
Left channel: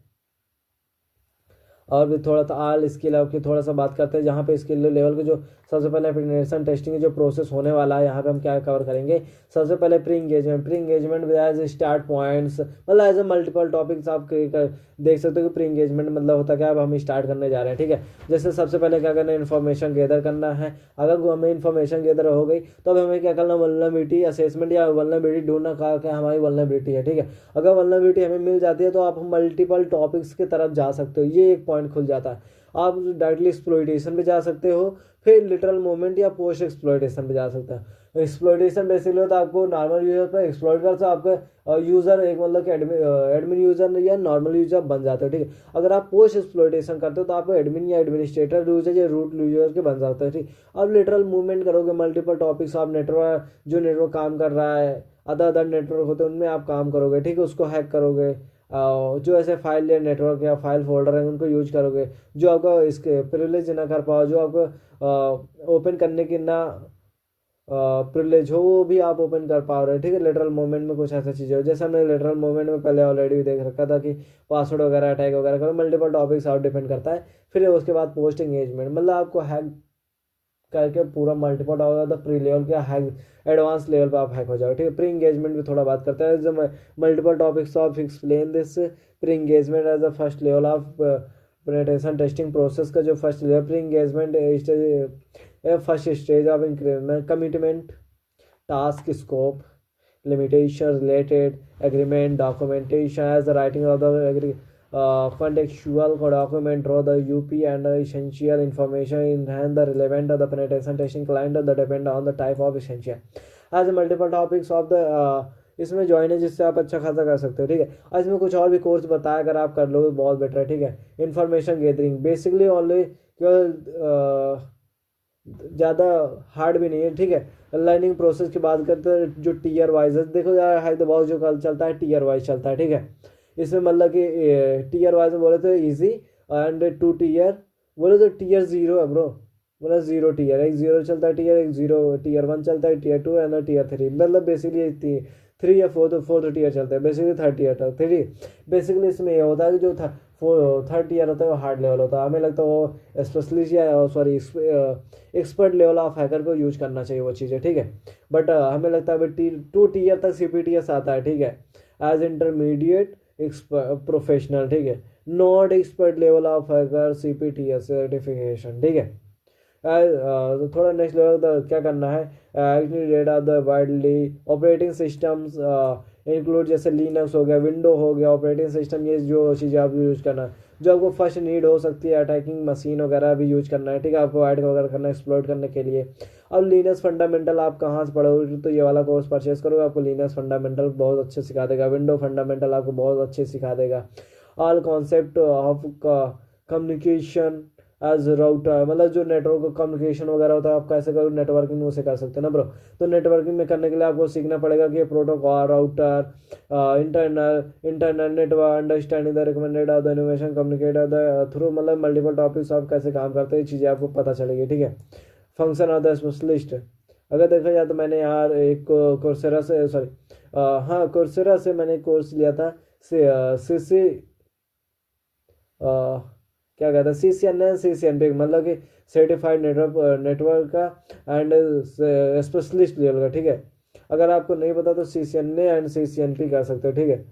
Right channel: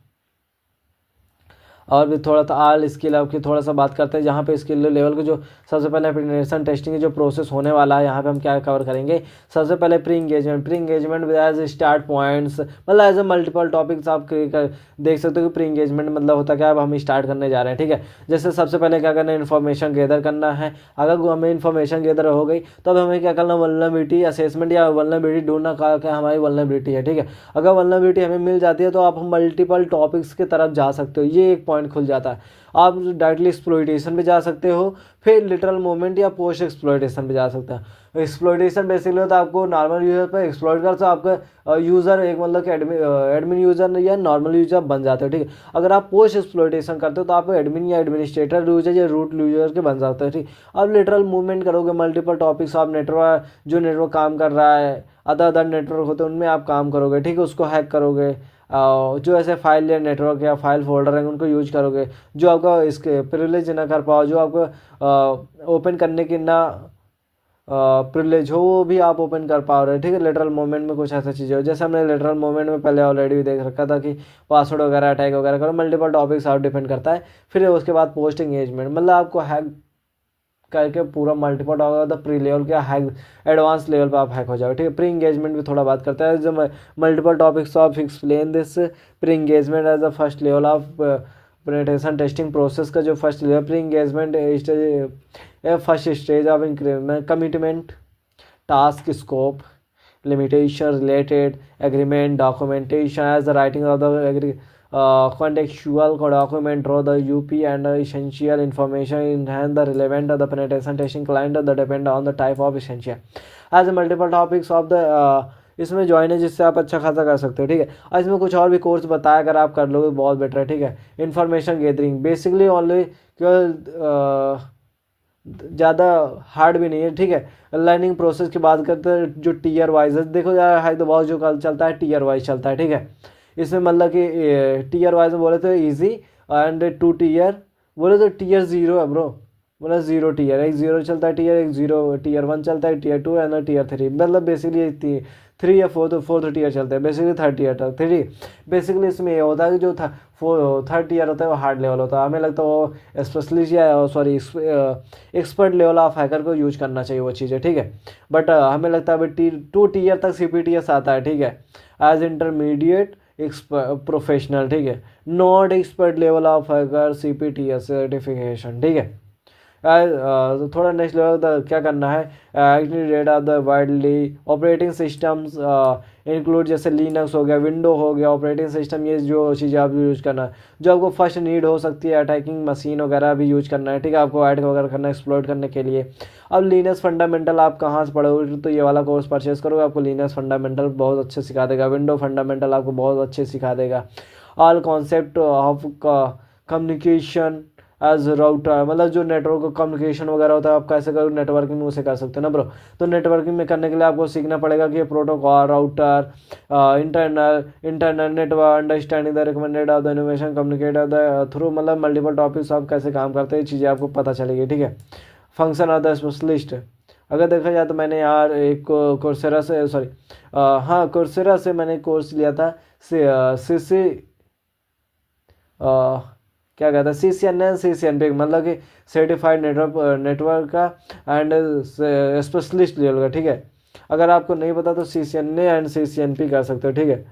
और भी थोड़ा सा आल स्किल आपकी थोड़ा सा बात करते हैं जहाँ पे स्किल लेवल के जो सबसे पहले पेनिट्रेशन टेस्टिंग जो प्रोसेस होने वाला है यहाँ पे हम क्या कवर करेंगे। सबसे पहले pre engagement as start points, मतलब एज ए मल्टीपल टॉपिक्स आप देख सकते हो कि प्री इंगेजमेंट मतलब होता क्या, अब हम स्टार्ट करने जा रहे हैं, ठीक है। जैसे सबसे पहले क्या करना है, इन्फॉर्मेशन गैदर करना है। अगर हमें इन्फॉर्मेशन गैदर हो गई तो अब हमें क्या करना, वल्नरेबिलिटी असेसमेंट या वल्नरेबिलिटी ढूंढना क्या हमारी वल्नरेबिलिटी है, ठीक है। अगर वल्नरेबिलिटी हमें मिल जाती है तो आप हम मल्टीपल टॉपिक्स की तरफ जा सकते हो, ये एक पॉइंट खुल जाता है। आप डायरेक्टली एक्सप्लॉइटेशन पे जा सकते हो, फिर लिटरल मोमेंट या पोस्ट एक्सप्लॉइटेशन पे जा सकते हैं। एक्सप्लॉइटेशन बेसिकली होता है आपको नॉर्मल यूजर पे एक्सप्लॉइट कर, तो आपका यूज़र एक मतलब कि एडमिन यूज़र या नॉर्मल यूजर बन जाते हो, ठीक है। अगर आप पोस्ट एक्सप्लॉइटेशन करते हो तो आप एडमिन या एडमिनिस्ट्रेटर यूजर या रूट यूजर के बन जाते हो, ठीक। अब लिटरल मूवमेंट करोगे, मल्टीपल टॉपिक्स, आप नेटवर्क जो नेटवर्क काम कर रहा है, अदर नेटवर्क होते हैं उनमें आप काम करोगे, ठीक है। उसको हैक करोगे, जो ऐसे फाइल या नेटवर्क या फाइल फोल्डर हैं उनको यूज करोगे, जो आपका इसके प्रिविलेज ना कर पाओ, जो आपको ओपन करने की ना प्रिविलेज हो वो भी आप ओपन कर पा रहे हो, ठीक है। लेटरल मूवमेंट में कुछ ऐसा चीज़ें हो, जैसे हमने लेटरल मूवमेंट में पहले ऑलरेडी भी देख रखा था कि पासवर्ड वगैरह अटैक वगैरह करो, मल्टीपल टॉपिक्स आप डिपेंड करता है। फिर उसके बाद पोस्ट एंगेजमेंट, मतलब आपको हैक करके पूरा मल्टीपल होगा तो प्री लेवल के हैक एडवांस लेवल पे आप हैक हो जाओगे, ठीक है। प्री इंगेजमेंट भी थोड़ा बात करता है, जो multiple topics of explain this pre engagement as the first level of penetration testing process का जो first level pre engagement stage, first stage of increment commitment task scope limitation related agreement documentation as the writing of the contextual document draw the UP and essential information enhance the relevant of the penetration testing client the depend on the type of essential as multiple topics of the इसमें join है जिससे आप अच्छा खासा कर सकते हो, ठीक है। और इसमें कुछ और भी कोर्स बताया, अगर आप कर लोगे बहुत बेटर है, ठीक है। इन्फॉर्मेशन गैदरिंग बेसिकली ओनली केवल ज़्यादा हार्ड भी नहीं है, ठीक है। लर्निंग प्रोसेस की बात करते हैं जो टीयर वाइज है, देखो यार है तो बहुत जो कल चलता है टीयर वाइज चलता है, ठीक है। इसमें मतलब कि टीयर वाइज में बोले तो इजी एंड 2 टीयर बोले तो टीयर 0 है ब्रो, बोला 0 टीयर, एक 0 चलता है टीयर, एक 0 टीयर 1 चलता है, टीयर 2 एंड टीयर 3, मतलब बेसिकली 3 या 4 टीयर चलते हैं, बेसिकली 3rd टीयर तक, 3 बेसिकली इसमें ये होता है कि जो था 3rd टीयर होता है वो हार्ड लेवल होता है, हमें लगता है वो स्पेशलिस्ट या sorry expert level of hacker को यूज करना चाहिए वो चीज़ें, ठीक है। बट हमें लगता है अभी 2 टीयर तक CPTS आता है, ठीक है, एज इंटरमीडिएट प्रोफेशनल, ठीक है, not expert level of hacker CPTS certification, ठीक है। तो थोड़ा नेक्स्ट लेवल क्या करना है, data of the widely operating systems include जैसे लिनक्स हो गया, विंडो हो गया, ऑपरेटिंग सिस्टम, ये जो चीज़ें आप यूज़ करना है जो आपको फर्स्ट नीड हो सकती है, अटैकिंग मशीन वगैरह भी यूज करना है, ठीक है, आपको ऐड वगैरह करना है एक्सप्लॉइट करने के लिए। अब लिनक्स फंडामेंटल आप कहाँ से पढ़ोगे, तो ये वाला कोर्स परचेस करोगे, आपको लिनक्स फंडामेंटल बहुत अच्छे सिखा देगा, विंडो फंडामेंटल आपको बहुत अच्छे सिखा देगा, all concept of communication as router, मतलब जो नेटवर्क कम्युनिकेशन वगैरह होता है आप कैसे करोगे, नेटवर्किंग उसे कर सकते हो ना ब्रो। तो नेटवर्किंग में करने के लिए आपको सीखना पड़ेगा कि protocol, router, internal network, understanding the recommended of the innovation, communicate the through, मतलब मल्टीपल टॉपिक्स आप कैसे काम करते हैं चीज़ें आपको पता चलेगी, ठीक है। फंक्शन ऑफ द स्पेशलिस्ट, अगर देखा जाए तो मैंने यार एक कोर्सेरा से सॉरी हाँ कोर्सेरा से मैंने कोर्स लिया था सी क्या कहता है CCNP, मतलब कि सर्टिफाइड नेटवर्क का एंड स्पेशलिस्ट लेवल का, ठीक है। अगर आपको नहीं पता तो CCNA एंड CCNP कर सकते हो, ठीक है।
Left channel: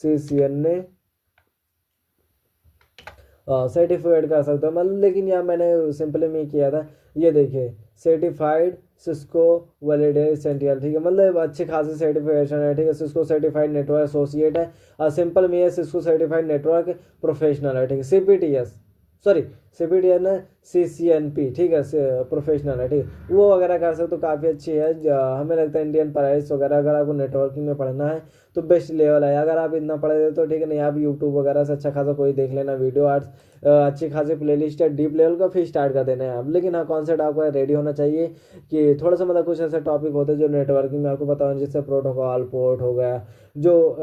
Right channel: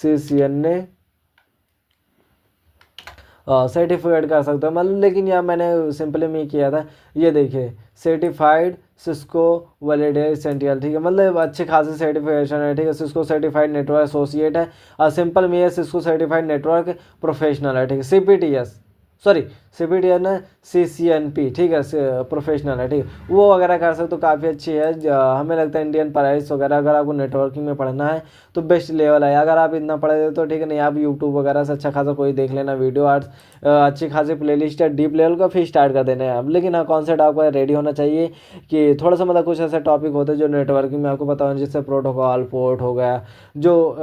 CCNA सर्टिफाइड कर सकते हो, मतलब लेकिन यार मैंने सिंपली में किया था, ये देखिए सर्टिफाइड सिस्को वैलिडेट एसेंशियल, ठीक है, मतलब अच्छे खासे सर्टिफिकेशन है, ठीक है। सिस्को सर्टिफाइड नेटवर्क एसोसिएट है, और सिंपल में है सिस्को सर्टिफाइड नेटवर्क प्रोफेशनल है, ठीक है। CPTS ना CCNP, ठीक है, प्रोफेशनल है, ठीक है, वो वगैरह कर सकते तो काफ़ी अच्छी है। हमें लगता है इंडियन प्राइस वगैरह अगर आपको नेटवर्किंग में पढ़ना है तो बेस्ट लेवल है, अगर आप इतना पढ़े तो ठीक है, नहीं आप यूट्यूब वगैरह से अच्छा खासा कोई देख लेना वीडियो, आर्ट्स अच्छी खासी प्लेलिस्ट है डीप लेवल का, फिर स्टार्ट कर देना है आप। लेकिन हाँ कॉन्सेप्ट आपका रेडी होना चाहिए कि थोड़ा सा मतलब कुछ ऐसे टॉपिक होते हैं जो नेटवर्किंग में आपको पता होना, जैसे प्रोटोकॉल, पोर्ट हो गया, जो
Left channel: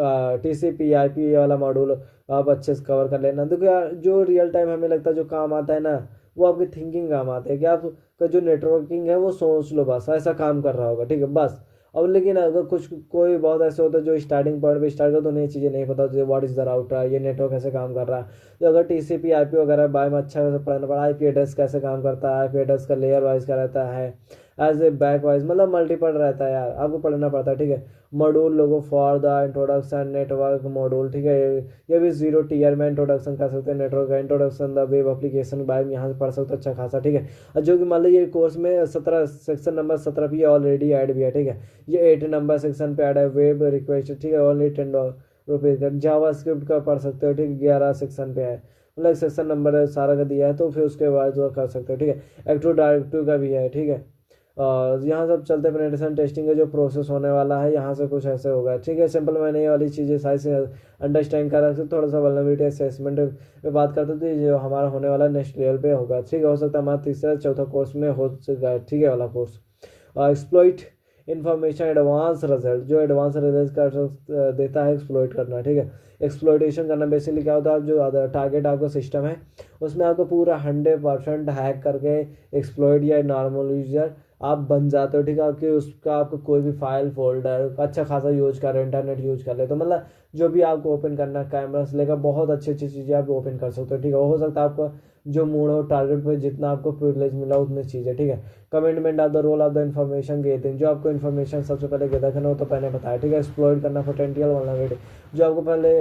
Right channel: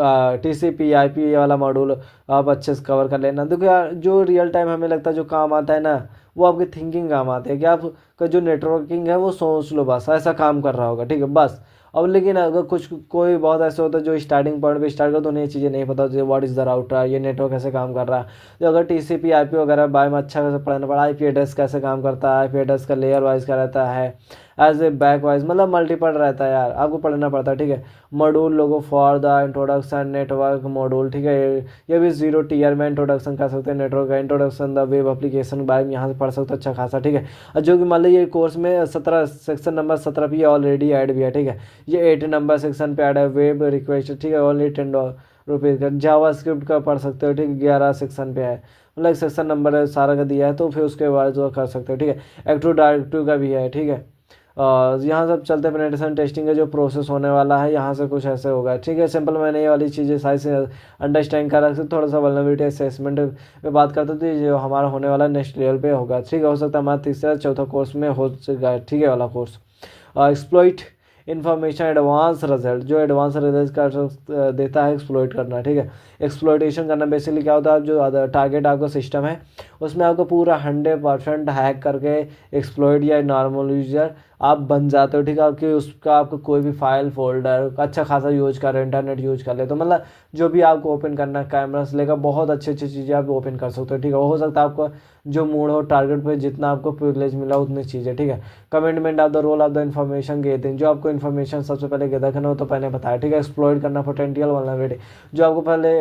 TCP IP वाला मॉड्यूल आप अच्छे से कवर कर लेना। देखो यार जो रियल टाइम हमें लगता है जो काम आता है ना, वो आपकी थिंकिंग काम आते हैं कि आपका जो नेटवर्किंग है वो सोच लो बस ऐसा काम कर रहा होगा, ठीक है बस। अब लेकिन अगर कुछ कोई बहुत ऐसे होता है जो स्टार्टिंग पॉइंट पे स्टार्ट कर तो उन्हें चीज़ें नहीं पता होती, व्हाट इज़ द राउटर, ये नेटवर्क कैसे काम कर रहा है। तो अगर TCP IP वगैरह बारे में अच्छा से पढ़ना पड़ा, IP एड्रेस कैसे काम करता है, IP एड्रेस का लेयर वाइज का रहता है, एज ए बैक वाइज, मतलब मल्टीपल रहता है यार, आपको पढ़ना पड़ता है, ठीक है। Module logo for the introduction network module, ठीक है, ये भी 0 टीयर में इंट्रोडक्शन कर सकते हैं, नेटवर्क का इंट्रोडक्शन द वेब एप्लीकेशन बारे में यहाँ से पढ़ सकते हो अच्छा खासा, ठीक है। जो कि मान लो ये कोर्स में 17 सेक्शन नंबर 17 पे ऑलरेडी ऐड भी है, ठीक है। ये 8 नंबर सेक्शन पे ऐड है, वेब रिक्वेस्ट, ठीक है, ओनली $10 का। जावा स्क्रिप्ट का पढ़ सकते हो, ठीक है, 11 सेक्शन पे है, मतलब सेक्शन नंबर सारा का दिया है, तो फिर उसके बाद जो कर सकते हो, ठीक है। एक्टिव डायरेक्टिव का भी है, ठीक है। यहाँ सब चलते पेनिट्रेशन टेस्टिंग का जो प्रोसेस होने वाला है यहाँ से कुछ ऐसे होगा, ठीक है। सिंपल मैंने ये वाली चीज़ें सारी से अंडरस्टैंड करा से थोड़ा सा वल्नरेबिलिटी असेसमेंट पे बात करते थे, जो हमारा होने वाला नेक्स्ट लेवल पे होगा, ठीक है। हो सकता है हमारा तीसरा चौथा कोर्स में हो सकेगा, ठीक है, वाला course exploit information advance result, जो एडवांस रिजल्ट का देता है एक्सप्लॉइट करना, ठीक है। एक्सप्लॉइटेशन करना बेसिकली क्या होता है, जो टारगेट आपका सिस्टम है उसमें आपको पूरा 100% हैक करके एक्सप्लॉइट या नॉर्मल यूजर आप बन जाते हो, ठीक है, कि उसका आपको कोई भी फाइल फोल्डर अच्छा खासा यूज कर रहे हो, इंटरनेट यूज कर ले, तो मतलब जो भी आपको ओपन करना है कैमरा से लेकर बहुत अच्छी अच्छी चीज़ें आप ओपन कर सकते हो, ठीक है। हो सकता है आपको जो मोड हो टारगेट पे जितना आपको प्रिविलेज मिला उतनी चीज़ें, ठीक है। Commitment of the role of the information getting, जो आपको इन्फॉर्मेशन सबसे पहले गैदर करना हो तो पहले बताया, ठीक है। एक्सप्लॉइट करना पोटेंशियल वल्नरेबिलिटी, जो आपको पहले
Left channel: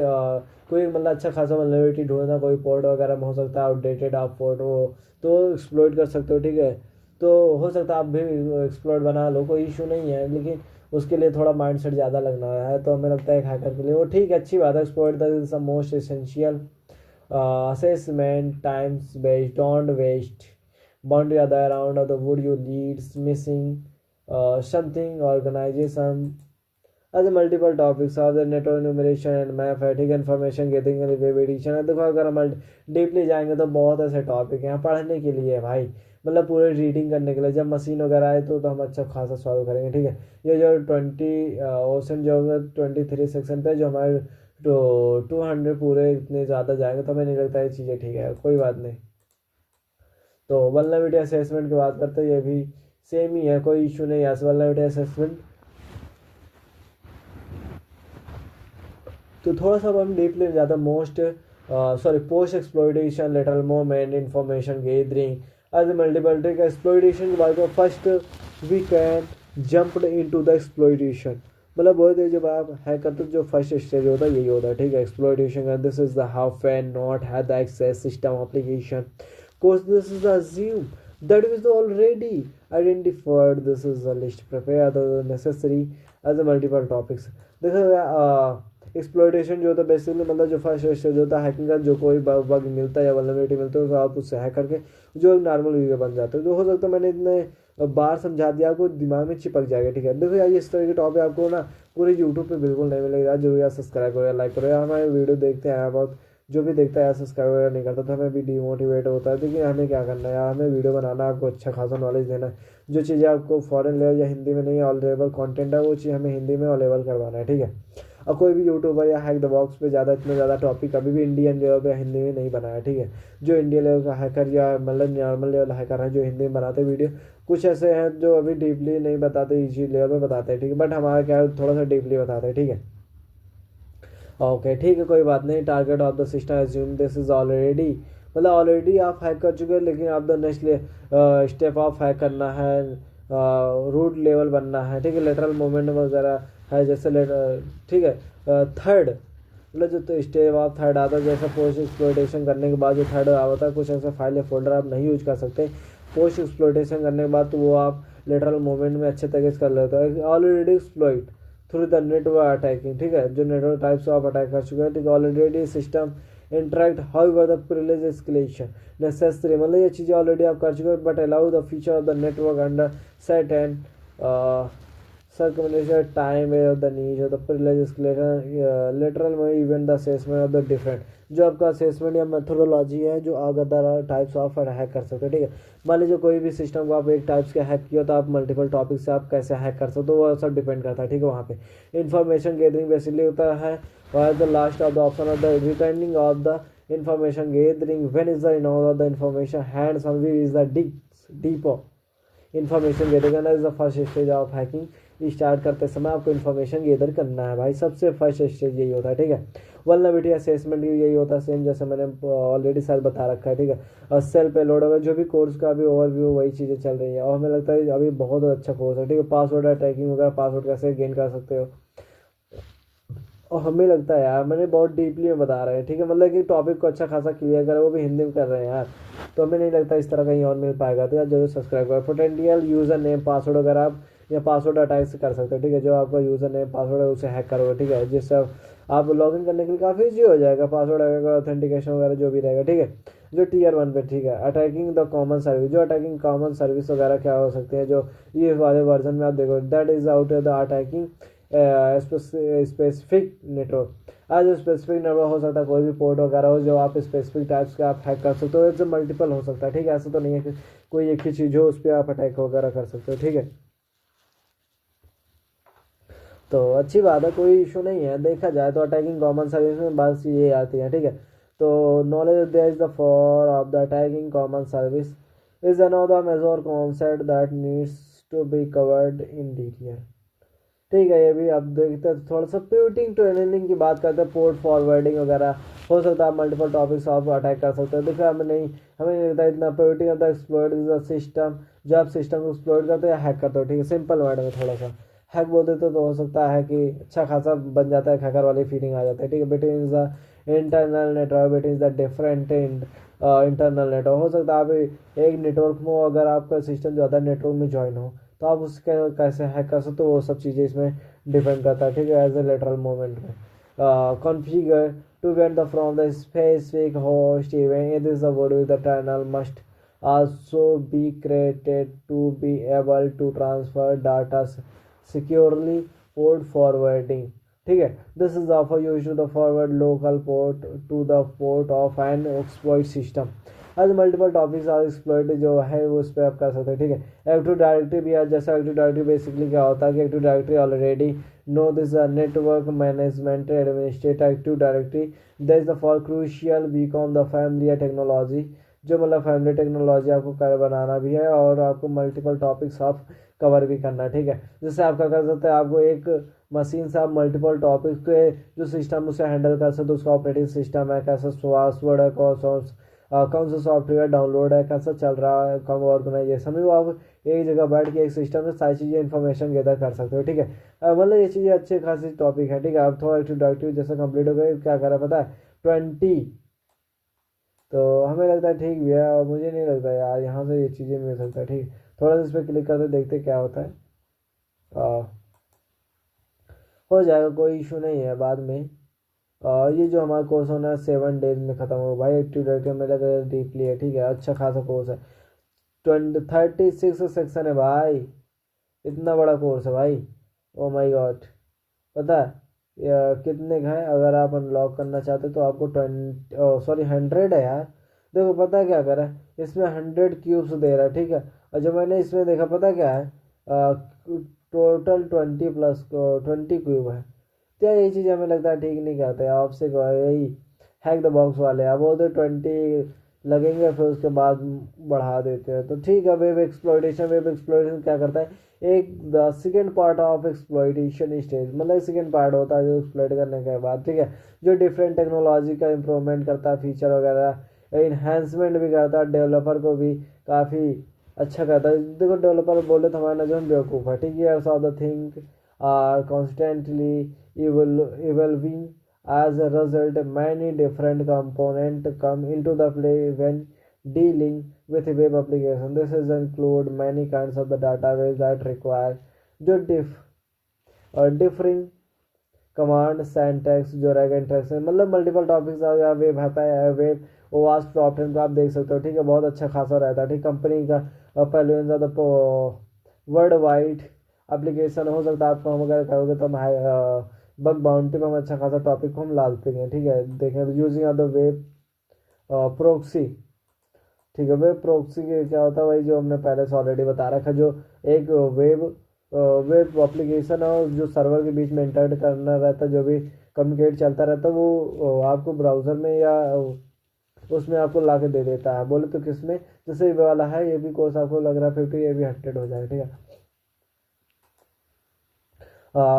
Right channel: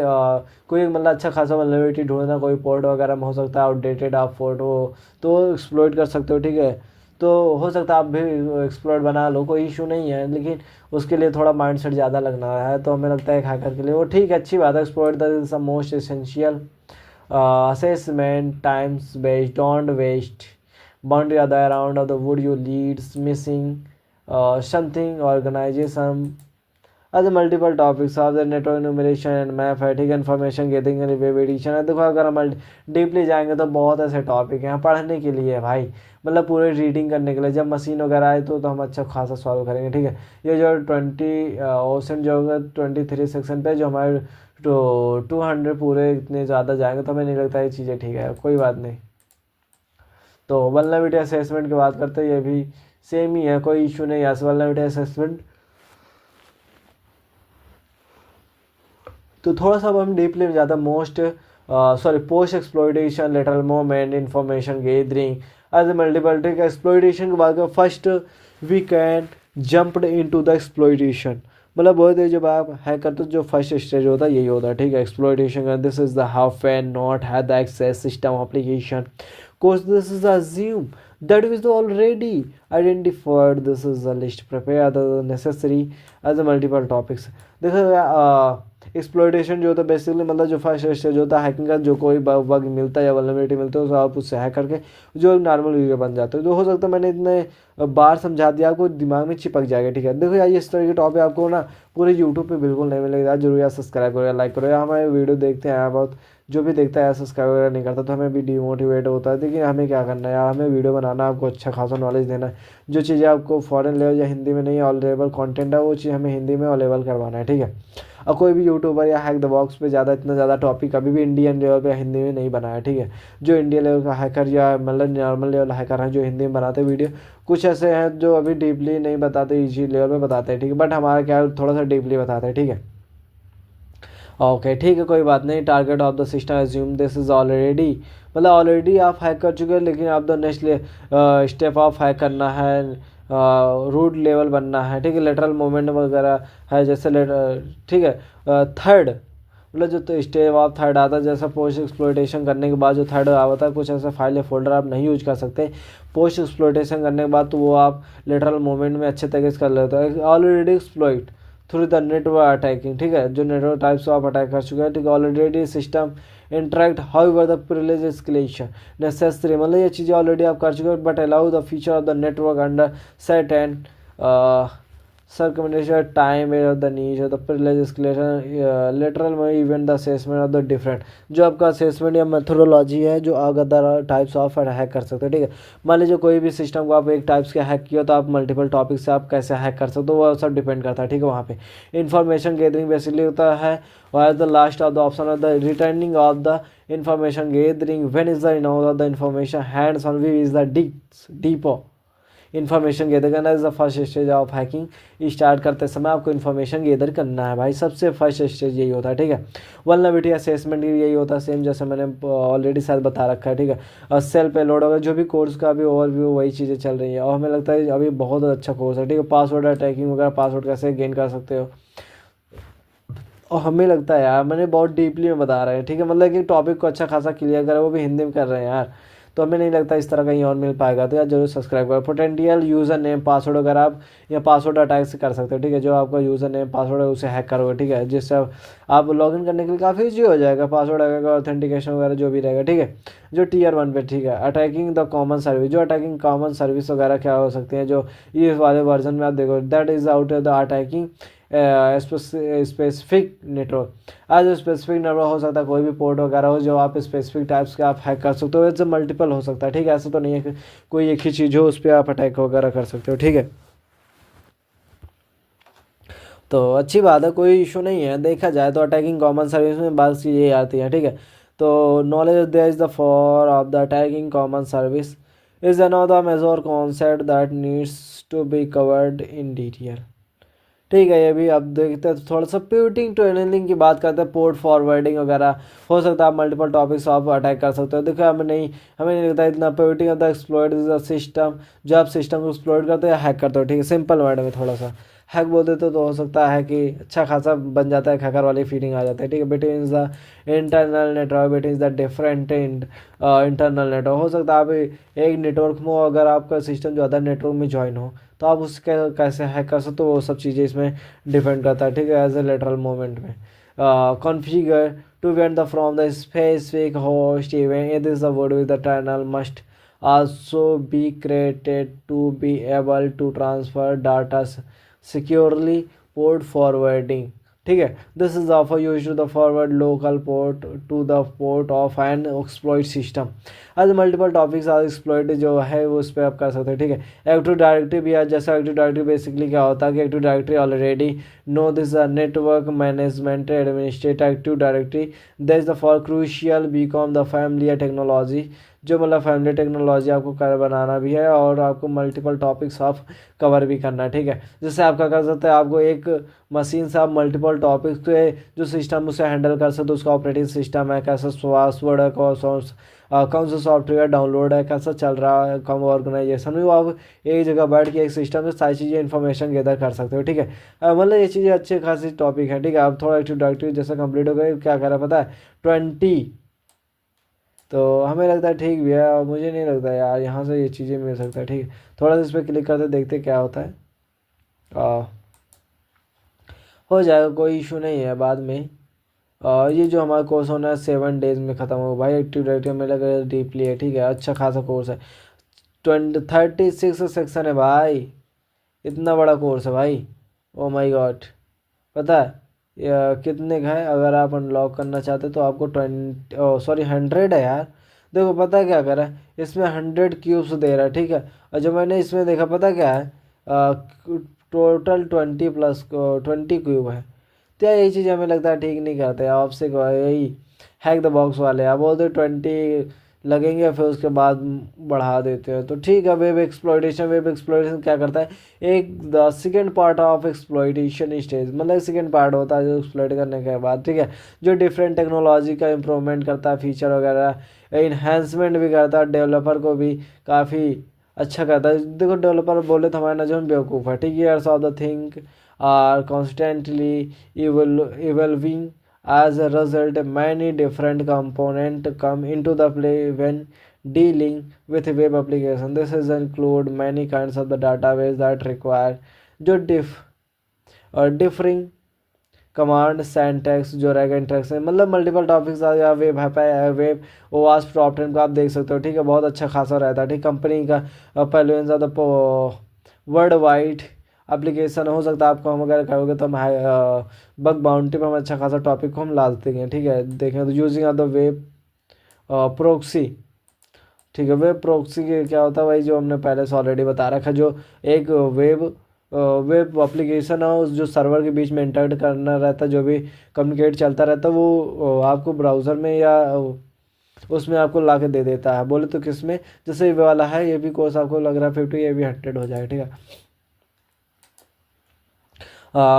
कोई मतलब अच्छा खासा वल्नरेबिलिटी ढूंढना, कोई पोर्ट वगैरह में हो सकता है आउटडेटेड आप फोटो, तो एक्सप्लॉइट कर सकते हो, ठीक है। तो हो सकता है आप भी एक्सप्लॉइट बना लो, कोई इशू नहीं है, लेकिन उसके लिए थोड़ा माइंड सेट ज़्यादा लगना है, तो हमें लगता है एक हैकर के लिए वो ठीक है, अच्छी बात है। Exploit the is the most essential assessment times based, don't waste boundary other around of the wood you leads missing something organization as multiple topics of the network enumeration and map है, ठीक है। Information getting and web addition है। देखो अगर हम deeply जाएंगे तो बहुत ऐसे टॉपिक हैं पढ़ने के लिए भाई, मतलब पूरे रीडिंग करने के लिए। जब मशीन वगैरह आए तो हम अच्छा खासा सॉल्व करेंगे, ठीक है। ये जो 20 ऑप्शन जो होगा 23 सेक्शन पे जो हमारे तो 200 पूरे इतने ज़्यादा जाएंगे तो हमें नहीं लगता ये चीज़ें ठीक है, कोई बात नहीं। तो वल्नरेबिलिटी असेसमेंट की बात करते हैं, ये भी सेम ही है, कोई इशू नहीं है वल्नरेबिलिटी असेसमेंट। तो थोड़ा सा हम डीपली में ज़्यादा post exploitation lateral movement information gathering as a multiple, ठीक है। एक्सप्लॉइटेशन के बाद first we can jumped into the exploitation, मतलब बहुत है जब आप हैक करते हो जो फर्स्ट स्टेज होता है यही होता है, ठीक है। एक्सप्लॉइटेशन का this is the how fan not have the access system application course this is assume that is already identified, this is the list prepare the necessary as a multiple topics। देखो exploitation जो होता है basically मतलब जो first stage होता है hacking का, जो कोई बग मिलता है या वल्नरेबिलिटी मिलती है तो आप उससे हैक करके जो नॉर्मल वीडियो बन जाते हैं। तो हो सकता है मैंने इतने बार समझा दिया आपको दिमाग में चिपक जाएगा, ठीक है। देखो यार इस तरह के टॉपिक आपको ना पूरे यूट्यूब पे बिल्कुल नहीं मिलेगा, जरूर यार सब्सक्राइब करो, लाइक करो। हमारे वीडियो देखते हैं बहुत, जो भी देखता है सब्सक्राइब वगैरह नहीं करता तो हमें भी डिमोटिवेट होता है। देखिए हमें क्या करना है यार, हमें वीडियो बनाना, आपको अच्छा खासा नॉलेज देना है। जो चीज़ें आपको फॉरेन लेवल या हिंदी में नहीं अवेलेबल कंटेंट है वो चीज़ हमें हिंदी में अवेलेबल करवाना है, ठीक है। और कोई भी यूट्यूबर या हैक द बॉक्स पे इतना ज़्यादा टॉपिक कभी भी इंडियन लेवल पे हिंदी में नहीं बनाया, ठीक है। जो इंडियन लेवल का हैकर या मतलब नॉर्मल लेवल हैकर हैं जो हिंदी में बनाते वीडियो, कुछ ऐसे हैं जो अभी डीपली नहीं बताते, इजी लेवल पे बताते हैं, ठीक है। बट हमारा क्या है थोड़ा सा डीपली बताते हैं, ठीक है। ओके ठीक है, कोई बात नहीं। Target of the system assume this is already, मतलब ऑलरेडी आप हैक कर चुके हैं, लेकिन आप the next step of hack करना है, रूट लेवल बनना है, ठीक है। लेटरल मूवमेंट वगैरह है जैसे ठीक है। थर्ड मतलब जो तो स्टेप ऑफ थर्ड आता है, जैसे पोस्ट एक्सप्लॉइटेशन करने के बाद जो थर्ड आता है, कुछ ऐसे फाइल या फोल्डर आप नहीं यूज कर सकते पोस्ट एक्सप्लॉइटेशन करने के बाद, तो वो आप लेटरल मूवमेंट में अच्छे तरीके से कर लेते हैं। Already exploit through the network attacking, ठीक है। जो नेटवर्क टाइप्स आप अटैक कर चुके हैं, ठीक है। Already system interact however the privilege escalation necessary, मतलब ये चीज़ें ऑलरेडी आप कर चुके हो, but allow the feature of the network under set and circumvention time of the niche of the privilege escalation lateral में event the assessment of the different, जो आपका असेसमेंट या मेथोडोलॉजी है जो अदर टाइप्स ऑफ हैक कर सकते हैं, ठीक है। मान लीजिए कोई भी सिस्टम को आप एक टाइप्स के हैक किया तो आप मल्टीपल टॉपिक से आप कैसे हैक कर सकते हो वो सब डिपेंड करता है, ठीक है। वहाँ पे इंफॉर्मेशन गैदरिंग बेसिकली होता है, और the last of the option of the returning of the information gathering when is the of the information hands on we is the depot information gather करना is the first stage of hacking. Start करते समय आपको information gather करना है भाई, सबसे first stage यही होता है, ठीक है। वल्नरेबिलिटी असेसमेंट यही होता है सेम जैसे मैंने ऑलरेडी शायद बता रखा है, ठीक है। और सेल पे लोड होगा जो भी कोर्स का भी ओवरव्यू वही चीज़ें चल रही है, और हमें लगता है अभी बहुत अच्छा कोर्स है, ठीक है। पासवर्ड अटैकिंग वगैरह, पासवर्ड कैसे गेन कर सकते हो, और हमें लगता है यार मैंने बहुत डीपली में बता रहे हैं, ठीक है। मतलब कि टॉपिक को अच्छा खासा क्लियर करें, वो भी हिंदी में कर रहे हैं यार, तो हमें नहीं लगता इस तरह कहीं और मिल पाएगा। तो यार जरूर सब्सक्राइब करो। पोटेंशियल यूज़र नेम पासवर्ड वगैरह आप या पासवर्ड अटैक से कर सकते हो, ठीक है। जो आपका यूज़र नेम पासवर्ड है उसे हैक करोगे, ठीक है, जिससे आप लॉगिन करने के लिए काफ़ी ईजी हो जाएगा। पासवर्ड वगैरह ऑथेंटिकेशन वगैरह जो भी रहेगा, ठीक है। जो टियर 1 पे, ठीक है। अटैकिंग द कॉमन सर्विस, जो अटैकिंग कॉमन सर्विस वगैरह क्या हो सकती है जो ये वाले वर्जन में आप देखो, that is out of the attacking specific network. आज स्पेसिफिक नेटवर्क हो सकता है कोई भी पोर्ट वगैरह हो जो आप स्पेसिफिक टाइप्स का आप हैक कर सकते हो, इससे मल्टीपल हो सकता है, ठीक है। ऐसा तो नहीं है कि कोई एक ही चीज़ हो उस पर आप अटैक वगैरह कर सकते हो, ठीक है। तो अच्छी बात है, कोई इशू नहीं है। देखा जाए तो अटैकिंग कॉमन सर्विस में बात ये आती है, ठीक है। तो knowledge there is the for of the attacking common service is one of the major concept that needs to be covered in detail, ठीक है। ये भी अब देखते हैं थोड़ा सा प्यूटिंग टनलिंग की बात करते हैं, पोर्ट फॉरवर्डिंग वगैरह हो सकता है, आप मल्टीपल टॉपिक्स आप अटैक कर सकते हो। देखो हमें नहीं लगता इतना putting of the exploit is the system, जो आप सिस्टम को एक्सप्लॉइट करते हो या हैक करते हो। ठीक है, सिंपल वर्ड में थोड़ा सा हैक बोल देते तो हो सकता है कि अच्छा खासा बन जाता है, हैकर वाली फीलिंग आ जाता है। ठीक है, between the internal network, between the different internal network, हो सकता है आप एक नेटवर्क में अगर आपका सिस्टम जो अदर नेटवर्क में ज्वाइन हो तो आप उसके कैसे हैक कर सकते हो, वो सब चीज़ें इसमें डिपेंड करता है। ठीक है, एज ए लेटरल मोमेंट में configure to went the from the specific host event, it is the word with the tunnel must also be created to be able to transfer data securely. Port forwarding, ठीक है, this is offer use to the forward local port to the port of an exploit system. आज multiple topics आज exploit जो है वो उस पर आप कर सकते हैं। ठीक है, एक्टिव डायरेक्टरी भी आज, जैसे एक्टिव डायरेक्टरी बेसिकली क्या होता है कि active directory already know this network management administrate active directory that is the for crucial become the family technology, जो मतलब फैमिली टेक्नोलॉजी आपको कर बनाना भी है और आपको मल्टीपल टॉपिक्स ऑफ कवर भी करना है। ठीक है, जैसे आप क्या कर सकते हैं, आपको एक मशीन से आप मल्टीपल टॉपिक्स के जो सिस्टम उसे हैंडल कर सकते हो, उसका ऑपरेटिंग सिस्टम है, कैसा पासवर्ड है, कौन सा सॉफ्टवेयर डाउनलोड है, कैसा चल रहा है, कौन ऑर्गेनाइजेशन में, वो आप एक जगह बैठ के एक सिस्टम से सारी चीज़ें इन्फॉर्मेशन गैदर कर सकते हो। ठीक है, मतलब ये चीज़ें अच्छे खासी टॉपिक है। ठीक है, आप थोड़ा एक्टिव डायरेक्टरी जैसे कंप्लीट हो गए, क्या करा पता है 20, तो हमें लगता है ठीक भी है, और मुझे नहीं लगता यार यहाँ से ये चीज़ें मिल सकता है। ठीक है, थोड़ा सा इस पर क्लिक करते देखते क्या होता है। हो जाएगा, कोई इशू नहीं है बाद में। ये जो हमारा कोर्स होना है 7 डेज में ख़त्म हो भाई। एक्टिव डायरेक्टरी में लगा डीपली है। ठीक है, अच्छा खासा कोर्स है, 36 सेक्शन है भाई, इतना बड़ा कोर्स है भाई। ओ माय गॉड, पता है कितने का है? अगर आप अनलॉक करना चाहते तो आपको 100 है यार। देखो पता है क्या करा है, इसमें 100 क्यूब्स दे रहा है। ठीक है, और जो मैंने इसमें देखा पता क्या है, टोटल 20 क्यूब है। तो यार ये चीज़ हमें लगता है ठीक नहीं करते, आपसे यही हैक द बॉक्स वाले आप बोलते 20 लगेंगे, फिर उसके बाद बढ़ा देते हैं। तो ठीक है, वेब एक्सप्लॉइटेशन क्या करता है, एक the second part of exploitation stage, मतलब सेकेंड पार्ट होता है जो एक्सप्लॉइट करने के बाद। ठीक है, जो डिफरेंट टेक्नोलॉजी का इम्प्रूवमेंट करता है, फीचर वगैरह इन्हेंसमेंट भी करता है, डेवलपर को भी काफ़ी अच्छा करता है। देखो डेवलपर बोले तो हमारे नजर में बेवकूफ़ है। ठीक है, years of the think are constantly evolving. As a result, many different components come into the play when dealing with a web application. This is include many kinds of the database that require जो differing command सैंटैक्स जो रहेगा interaction, मतलब multiple topics आ गया। Web है, web ओवास top 10 को आप देख सकते हो। ठीक है, बहुत अच्छा खासा रहता है। ठीक, कंपनी का पहले वर्ल्ड वाइड एप्लीकेशन हो सकता है आपको, हम अगर करोगे तो हम बग बाउंटी पर हम अच्छा खासा टॉपिक को हम ला देते हैं। ठीक है, देखें तो using of the web proxy. ठीक है, वेब प्रोक्सी के क्या होता है भाई, जो हमने पहले से ऑलरेडी बता रखा है, जो एक वेब एप्लीकेशन है उस जो सर्वर के बीच में इंटरेक्ट करना रहता है, जो भी कम्युनिकेट चलता रहता है वो आपको ब्राउज़र में या उसमें आपको ला के दे देता है। बोले तो किस में, जैसे ये वाला है, ये भी कोर्स आपको लग रहा है 50, ये भी 100 हो जाएगा। ठीक है,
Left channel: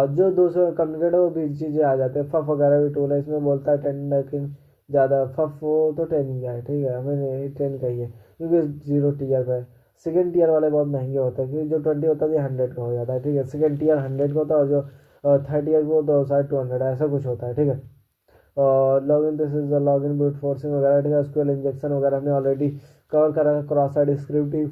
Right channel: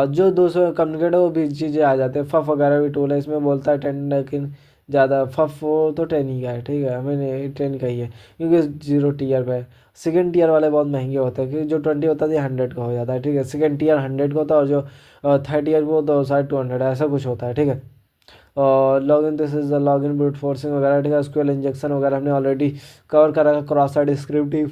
जो 200 कम्युनिकेट वो भी चीज़ें आ जाते हैं। फफ वगैरह भी टूल है, इसमें बोलता है 10, लेकिन ज़्यादा फफ वो तो 10 ही का है। ठीक है, मैंने 10 का ही है क्योंकि 0 टीयर पे। सेकेंड टीयर वाले बहुत महंगे होते हैं, क्योंकि जो 20 होता है 100 का हो जाता है। ठीक है, सेकेंड टीयर 100 का होता है, और जो थर्ड ईयर को तो शायद 200 ऐसा कुछ होता है। ठीक है, और login, this is the login brute forcing वगैरह। ठीक है, एसक्यूएल इंजेक्शन वगैरह हमने ऑलरेडी कवर करा है। Cross site scripting,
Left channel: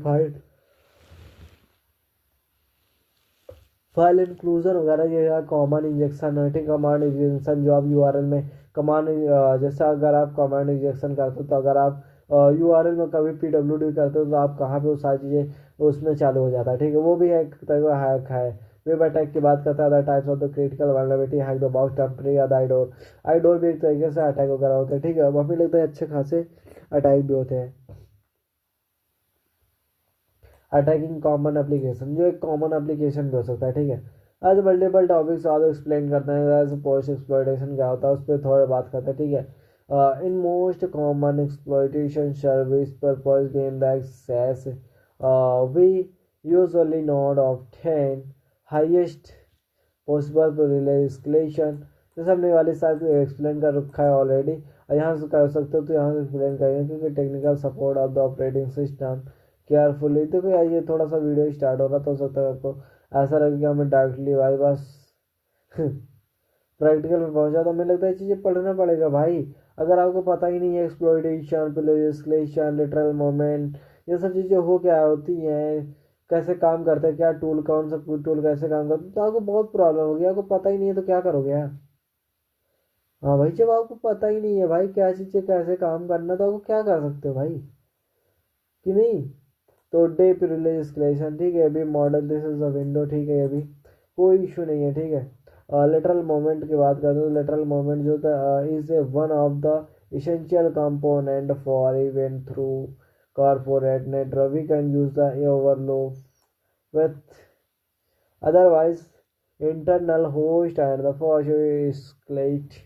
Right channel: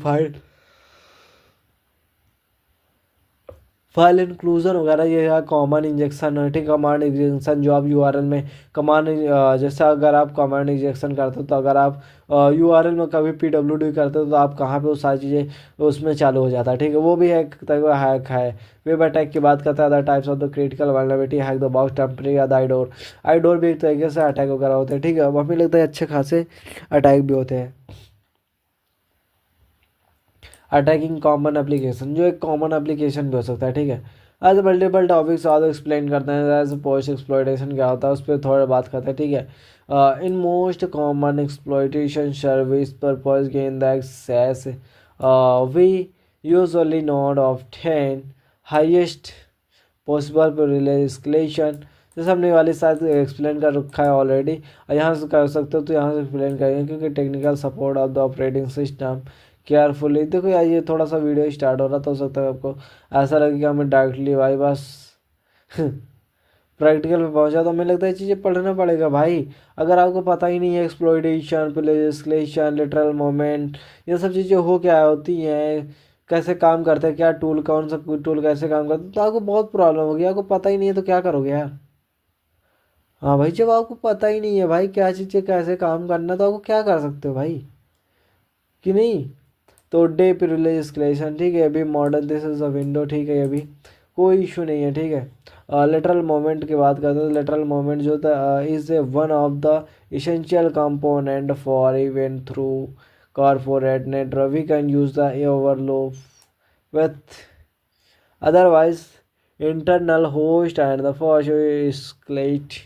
file inclusion वगैरह, ये कॉमन इंजेक्शन है। ठीक, कमांड इंजेक्शन जो आप यूआरएल में कमांड, जैसे अगर आप कमांड इंजेक्शन करते हो तो अगर आप यूआरएल में कभी पीडब्ल्यूडी करते हो तो आप कहाँ पे वो सारी चीज़ें उसमें चालू हो जाता है। ठीक है, वो भी एक तरह का हैक है। वेब अटैक की बात करता है, other types of the critical vulnerability, hack the box, temporary या द आईडोर भी एक तरीके से अटैक वगैरह होते हैं। ठीक है, अब हमें लगता है अच्छे खासे अटैक भी होते हैं। अटैकिंग कॉमन एप्लीकेशन, जो एक कॉमन एप्लीकेशन भी हो सकता है। ठीक है, आज मल्टीपल टॉपिक्स आज एक्सप्लेन करते हैं। एज पोस्ट एक्सप्लॉइटेशन क्या होता है उस पर थोड़ा बात करते हैं। ठीक है, in most common exploitation service purpose gain the access we usually not obtain highest possible relay escalation, जैसे हमने वाली शायद एक्सप्लेन कर रखा है ऑलरेडी, और यहाँ से कर सकते हो तो यहाँ से एक्सप्लेन करेंगे, क्योंकि technical support of the operating system carefully. देखो यार ये थोड़ा सा वीडियो स्टार्ट हो रहा तो हो सकता है आपको ऐसा लगे कि हमें डायरेक्टली भाई बस प्रैक्टिकल पे पहुंचा, तो हमें लगता है ये चीज़ें पढ़ना पड़ेगा भाई। अगर आपको पता ही नहीं है एक्सप्लॉइटेशन, लेजिस्लेशन, लिटरल मोमेंट, ये सब चीज़ें हो क्या होती हैं, कैसे काम करते हैं, क्या टूल, कौन सा टूल कैसे काम करता है, तो आपको बहुत प्रॉब्लम होगी। आपको पता ही नहीं है तो क्या करोगे यार। हाँ भाई, जब आपको पता ही नहीं है भाई क्या चीज़ें कैसे काम करना, तो आपको क्या कर सकते हो भाई, कि नहीं। तो डे प्रिविलेज एस्केलेशन, ठीक है, अभी modern this is a window, ठीक है, अभी कोई इशू नहीं है, ठीक है। लेटरल मोमेंट की बात करते हैं, तो लेटरल मोमेंट जो था is a one of the essential component for event through corporate network, we can use the ओवरलो with otherwise internal host and the first escalate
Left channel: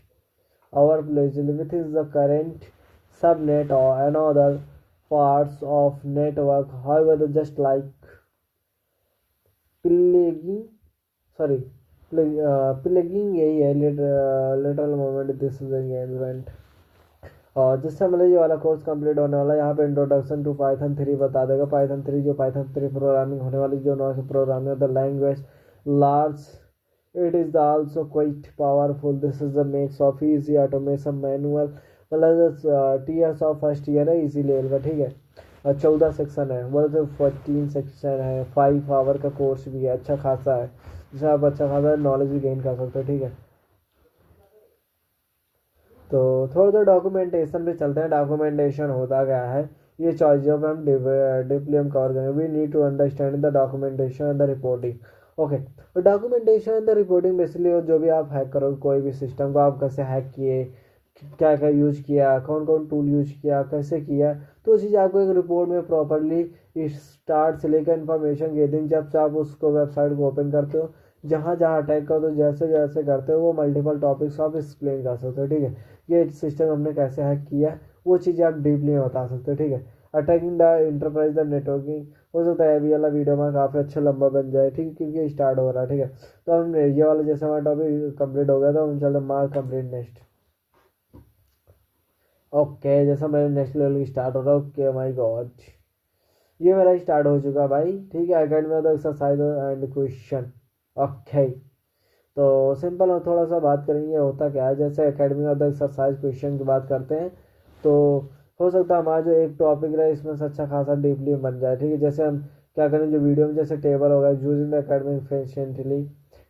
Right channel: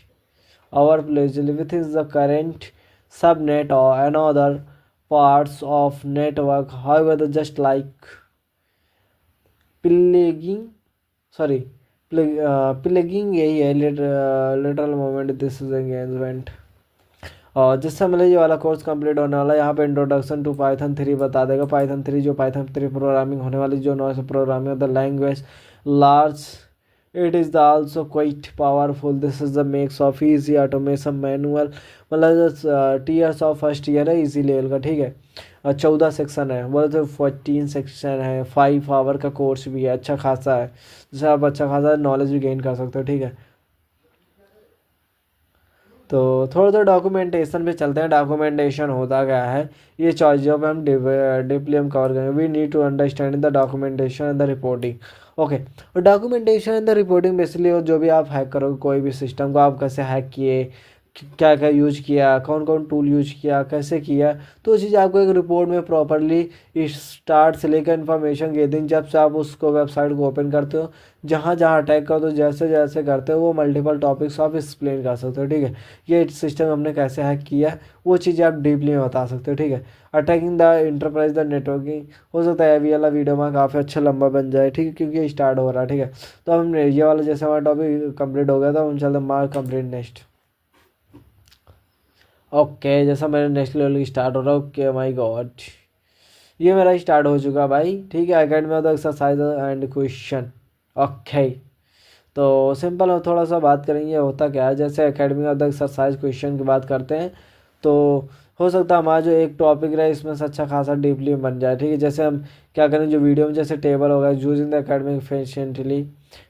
our place within the current subnet or another parts of network. However, the just like plaguing sorry plaguing यही है literal moment this is engagement. और जिससे मतलब ये वाला course complete होने वाला है, यहाँ पे इंट्रोडक्शन टू पाइथन 3 बता देगा। पाइथन 3 जो पाइथन 3 प्रोग्रामिंग होने वाली, जो noise programming the language large, it is the also quite powerful, this is the makes of easy automation manual, मतलब टीयर्स ऑफ फर्स्ट ईयर है इजी लेवल का, ठीक है। 14 सेक्शन है, बोले तो 14 सेक्शन है, 5 आवर का कोर्स भी है, अच्छा खासा है, जिससे आप अच्छा खासा नॉलेज भी गेन कर सकते हो, ठीक है। तो थोड़ा सा डॉक्यूमेंटेशन पे चलते हैं। डॉक्यूमेंटेशन होता क्या है, ये चीज़ों पे हम डीपली हम कवर करेंगे। We need to understand the documentation and the reporting. Okay, और documentation and the reporting basically जो भी आप हैक करोगे कोई भी सिस्टम को, आप कैसे हैक किए, क्या क्या यूज किया, कौन कौन टूल यूज किया, कैसे किया, तो वो चीज़ आपको एक रिपोर्ट में प्रॉपरली स्टार्ट से लेकर इन्फॉर्मेशन गेदरिंग, जब से आप उसको वेबसाइट को ओपन करते हो, जहाँ जहाँ अटैक करो, तो जैसे जैसे करते हो वो मल्टीपल टॉपिक्स आप एक्सप्लेन कर सकते हो, ठीक है। ये सिस्टम हमने कैसे हैक किया है वो चीज़ें आप डीपली में बता सकते हो, ठीक है। Attacking the enterprise the networking, हो सकता है अभी वाला वीडियो में काफ़ी अच्छा लंबा बन जाए, ठीक है, क्योंकि ये स्टार्ट हो रहा है, ठीक है। तो हम ये वाला जैसे हमारा टॉपिक कंप्लीट हो गया तो हम चलते मार्क कंप्लीट नेक्स्ट। ओके, जैसा मेरे नेक्स्ट लेवल की स्टार्ट हो रहा है, ओके माई गॉड, ये मेरा स्टार्ट हो चुका भाई, ठीक है। Academy of the exercise and question, okay. तो सिंपल और थोड़ा सा बात करेंगे होता क्या है, जैसे academy of the exercise question की बात करते हैं, तो हो सकता है हमारा जो एक टॉपिक रहे इसमें से अच्छा खासा डीपली बन जाए, ठीक है। जैसे हम क्या करें, जो वीडियो में जैसे टेबल होगा यूजिंग द एकेडमिक एफिशिएंटली,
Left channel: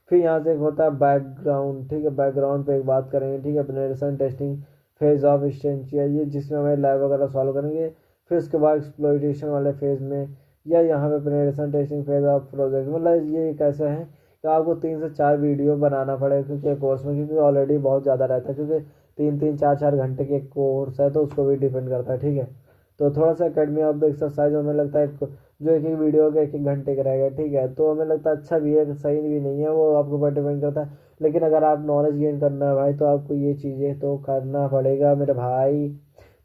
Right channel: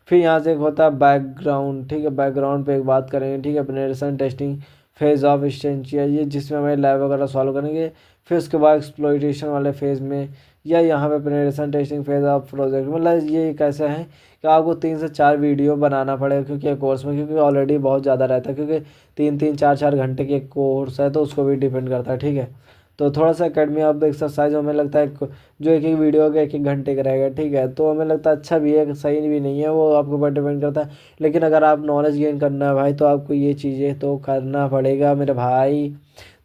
फिर यहाँ से एक होता है बैकग्राउंड, ठीक है, बैकग्राउंड पे एक बात करेंगे, ठीक है। पेनिट्रेशन टेस्टिंग फेज ऑफ एक्सटेंशिया, ये जिसमें हमें लैब वगैरह सॉल्व करेंगे, फिर उसके बाद एक्सप्लॉइटेशन वाले फेज में, या यहाँ पे penetration testing phase of project, मतलब ये कैसे है कि आपको 3 से 4 वीडियो बनाना पड़ेगा, क्योंकि कोर्स में, क्योंकि ऑलरेडी बहुत ज़्यादा रहता है, क्योंकि 3-3 4-4 घंटे की एक कोर्स है, तो उसको भी डिपेंड करता है, ठीक है। तो थोड़ा सा एकेडमी ऑफ द एक्सरसाइज हमें लगता है जो एक एक वीडियो का 1-1 घंटे का रहेगा, ठीक है, तो हमें लगता है अच्छा भी है, सही भी नहीं है, वो आपके ऊपर डिपेंड करता है। लेकिन अगर आप नॉलेज गेन करना है भाई, तो आपको ये चीज़ें तो करना पड़ेगा मेरे भाई।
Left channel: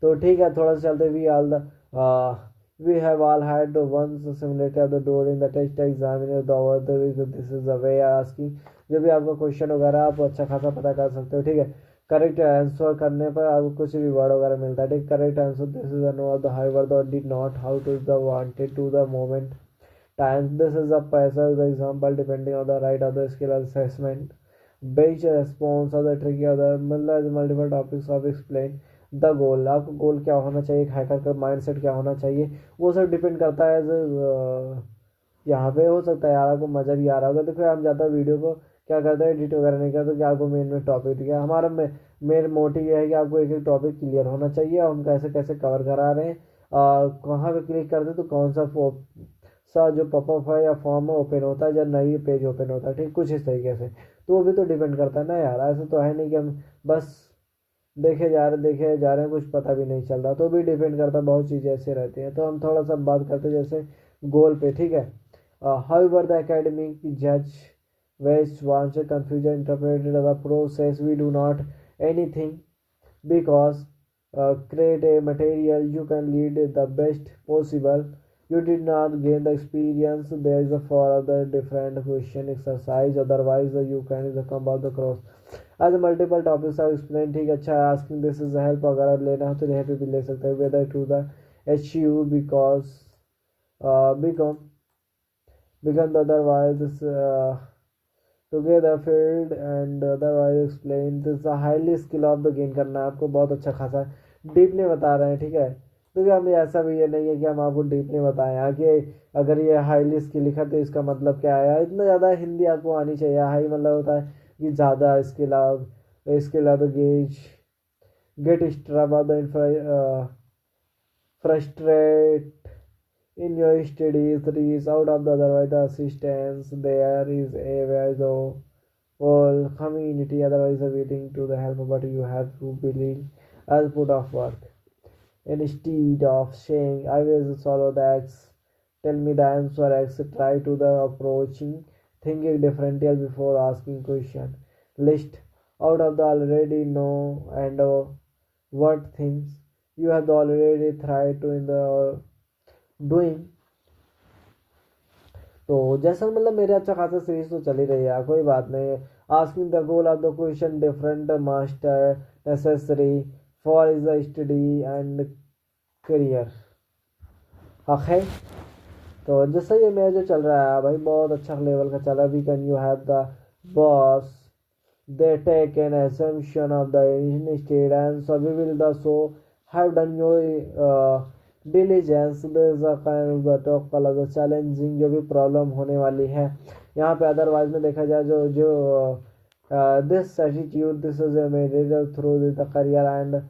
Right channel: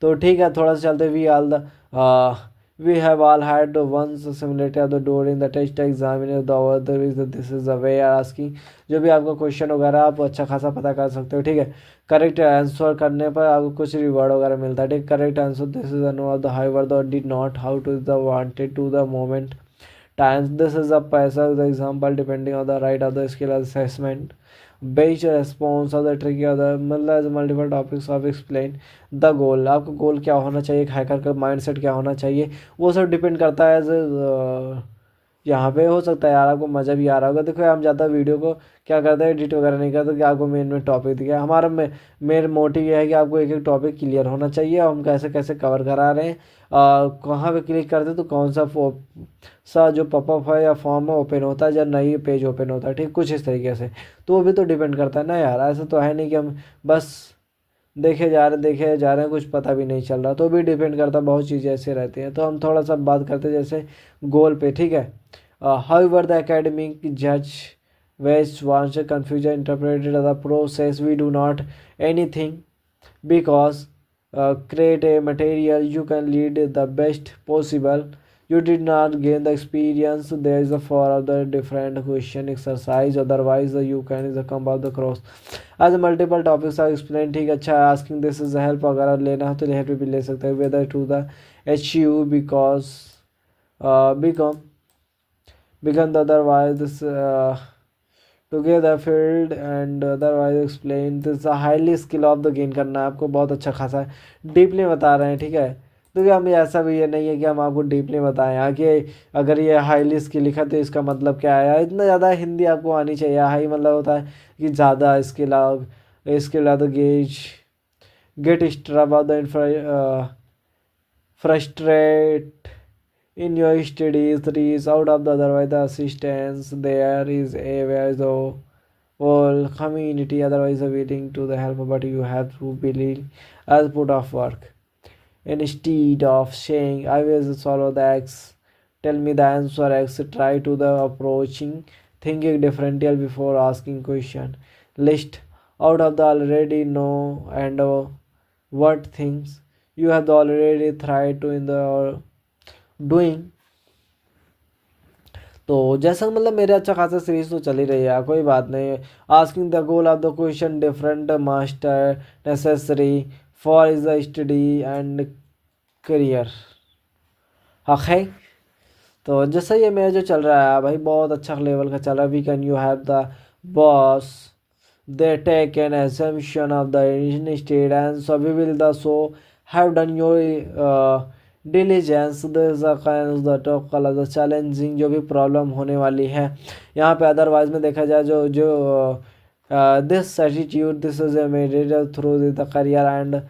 तो ठीक है, थोड़ा सा चलते we all the we have all had once similarity of the during the test exam in the other is that this is the way asking, जो भी आपका क्वेश्चन वगैरह आप अच्छा खासा पता कर सकते हो, ठीक है। करेक्ट आंसर करने पर आपको कुछ रिवॉर्ड वगैरह मिलता है, ठीक। Correct answer this is no the however the did not how to the wanted to the moment times this is the पैसा the example depending on the right of the skill assessment based response of the tricky of the, मतलब multiple topics of explain the goal, आपका goal क्या होना चाहिए, एक hacker का mindset क्या होना चाहिए, वो सब डिपेंड करता है एज यहाँ पे। हो सकता है यार आपको मज़ा भी आ रहा होगा। देखो हम ज़्यादा वीडियो को क्या करते हैं, एडिट वगैरह नहीं करते कि आपको मेन में टॉपिक दिखे। हमारा मेन मोटिव ये है कि आपको एक एक टॉपिक क्लियर होना चाहिए, और हम कैसे कैसे कवर करा रहे हैं, कहाँ पे क्लिक करते हैं तो कौन सा जो पॉपअप है या फॉर्म है ओपन होता है, या नई पेज ओपन होता है, ठीक, कुछ इस तरीके से। तो वो भी तो डिपेंड करता है ना यार, ऐसा तो है नहीं कि हम बस देखे जा रहे हैं, कुछ पता भी नहीं चल रहा, तो भी डिपेंड करता है, बहुत चीज़ें ऐसे रहती हैं। तो हम थोड़ा सा बात करते हैं जैसे गोल पे, ठीक है। हाउएवर द एकेडमिक जज west wants confusion interpreted as a process, we do not anything because create a material you can lead the best possible You did not gain the experience. There is a for other different question exercise, otherwise you can is a come out the cross as multiple topics are explained. ठीक है, अच्छा asking this is a help अगर लेना है तो help भी ले सकते हैं whether to the HU because become the otherwise this together field and otherwise explain this a highly skill of the gain करना है आपको बहुत अच्छा खासा डीपली बता रहे हैं। ठीक है, तो क्या हमें ऐसा भी ये नहीं है कि हम आपको डीपली बताएं आगे अगर ये हाईली स्किल लिखा तो इसका मतलब क्या है। इतना ज़्यादा हिंदी आपको आनी चाहिए। हाई मतलब होता है कि ज़्यादा स्किल द गेज गेट स्ट्रब of the frustrate in your studies reach out of the otherwise the assistance there is a where the whole community otherwise waiting to the help but you have to believe as put of work instead of saying I will solve the x tell me the answer x try to the approaching thinking differently before asking question list out of the already know and what things you have already tried to in the doing। तो जैसा मतलब मेरे अच्छा खासा series तो चली रही है, कोई बात नहीं। Asking the goal of the question different master necessary for is the study and career. Okay, तो जैसा ये मेरा जो चल रहा है भाई बहुत अच्छा लेवल का चल रहा है। We can you have the boss they take an assumption of the state and so we will the so have done your diligence the challenging जो भी प्रॉब्लम होने वाली है यहाँ पे। अदरवाइज में देखा जाए जो जो this attitude this is made through the career and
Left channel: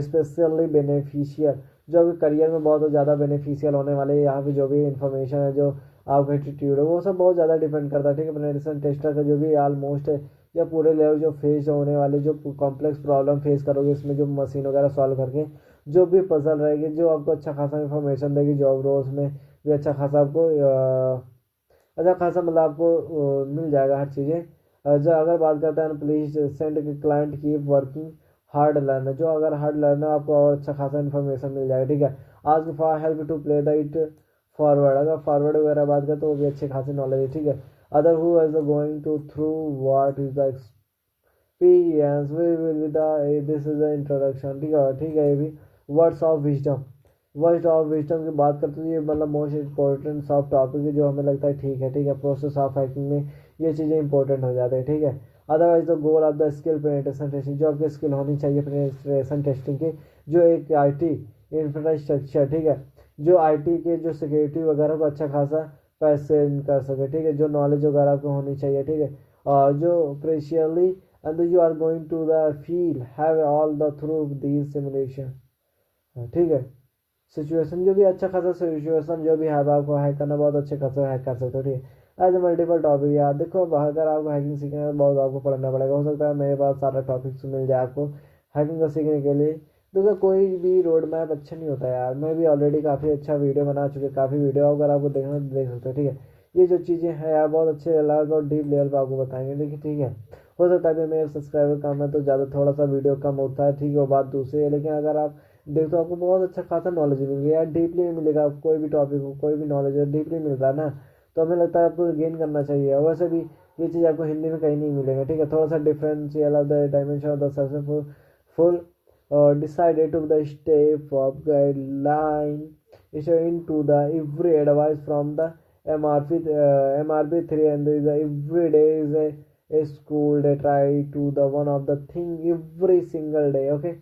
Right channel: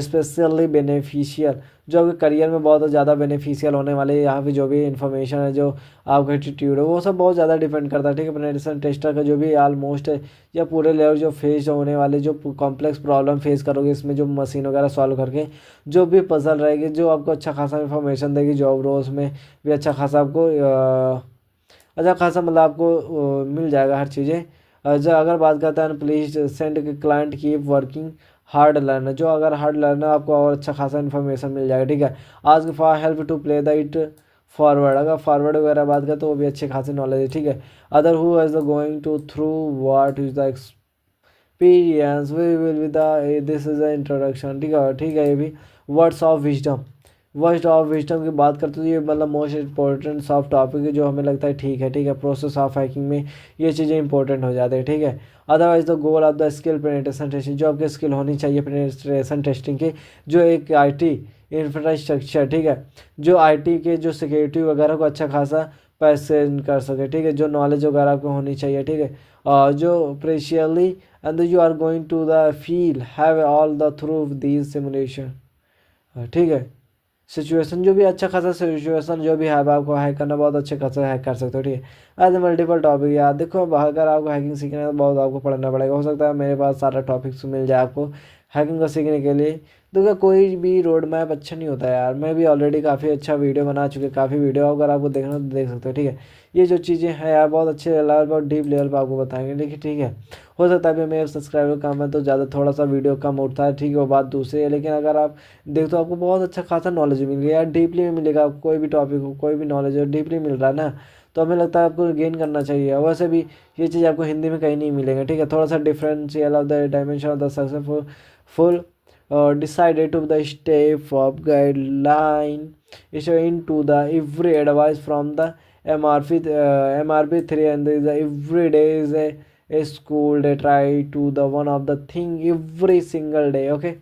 specially beneficial जो भी करियर में बहुत ज़्यादा बेनिफिशियल होने वाले यहाँ पे जो भी इंफॉर्मेशन है जो आपका एटीट्यूड है वो सब बहुत ज़्यादा डिपेंड करता है। ठीक है, पेनिट्रेशन टेस्टर का जो भी ऑलमोस्ट या पूरे लेवल जो फेस होने वाले जो कॉम्प्लेक्स प्रॉब्लम फेस करोगे इसमें जो मशीन वगैरह सॉल्व करके जो भी पजल रहेगी जो आपको अच्छा खासा इन्फॉर्मेशन देगी जॉब रोज में भी अच्छा खासा आपको अच्छा खासा मतलब आपको मिल जाएगा हर चीज़ें। जो अगर बात करते हैं please send client keep working hard learner जो अगर हार्ड लर्नर आपको और अच्छा खासा इन्फॉर्मेशन मिल जाएगा। ठीक है, आज for help to play the it forward अगर फॉरवर्ड वगैरह बात करें तो वो भी अच्छी खासी नॉलेज है। ठीक है, other who is the going to through what is the experience we will with the this is the introduction. ठीक है, ये भी वर्ड्स ऑफ विजडम की बात करते तो ये मतलब मोस्ट इंपॉर्टेंट सॉफ्ट टॉपिक है जो हमें लगता है ठीक है, प्रोसेस ऑफ हैकिंग में ये चीज़ें इंपॉर्टेंट हो जाती है। ठीक है, otherwise the goal of the skill penetration testing जो आपकी स्किल होनी चाहिए पेनिट्रेशन टेस्टिंग की जो एक आईटी इंफ्रास्ट्रक्चर। ठीक है, जो आईटी के जो सिक्योरिटी वगैरह को अच्छा खासा पैसे कर सके। ठीक है, जो नॉलेज वगैरह आपको होनी चाहिए। ठीक है, जो प्रेशियली and you are going to the feel have all the through these simulation. ठीक है, सिचुएशन जो भी अच्छा खासा सिचुएशन जो भी है आपको हैक करना बहुत अच्छे खासा हैक कर सकते हो। ठीक है, एज मल्टीपल टॉपिक यार देखो अगर आपको हैकिंग सीखना है तो बहुत आपको पढ़ना पड़ेगा। हो सकता है मेरे पास सारा टॉपिक्स मिल जाए आपको हैकिंग को सीखने के लिए। तो कोई भी रोड मैप अच्छा नहीं होता यार, मैं भी ऑलरेडी काफ़ी अच्छा वीडियो बना चुके काफ़ी वीडियो अगर आपको देखना तो देख सकते हो। ठीक है, ये जो चीज़ें हैं यार बहुत अच्छे लेवल पर डीप लेवल पर आपको बताएंगे। लेकिन ठीक है, हो सकता है अभी मेरे सब्सक्राइबर कम है तो ज़्यादा थोड़ा सा वीडियो कम उठता है। ठीक है, वो बात दूसरी है, लेकिन अगर आप देखो तो आपको बहुत अच्छा खासा नॉलेज मिलेगा यार, डीपली में मिलेगा आपको। कोई भी टॉपिक हो कोई भी नॉलेज हो डीपली मिल रहा है ना, तो हमें लगता है आपको गेन करना चाहिए। वैसे भी ये चीज़ आपको हिंदी में कहीं नहीं मिलेगा। ठीक है, थोड़ा सा differential of the dimension of the successful decided to the step of guideline is into the every advice from the MRP3 and the every day is a school they try to the one of the thing every single day. Okay,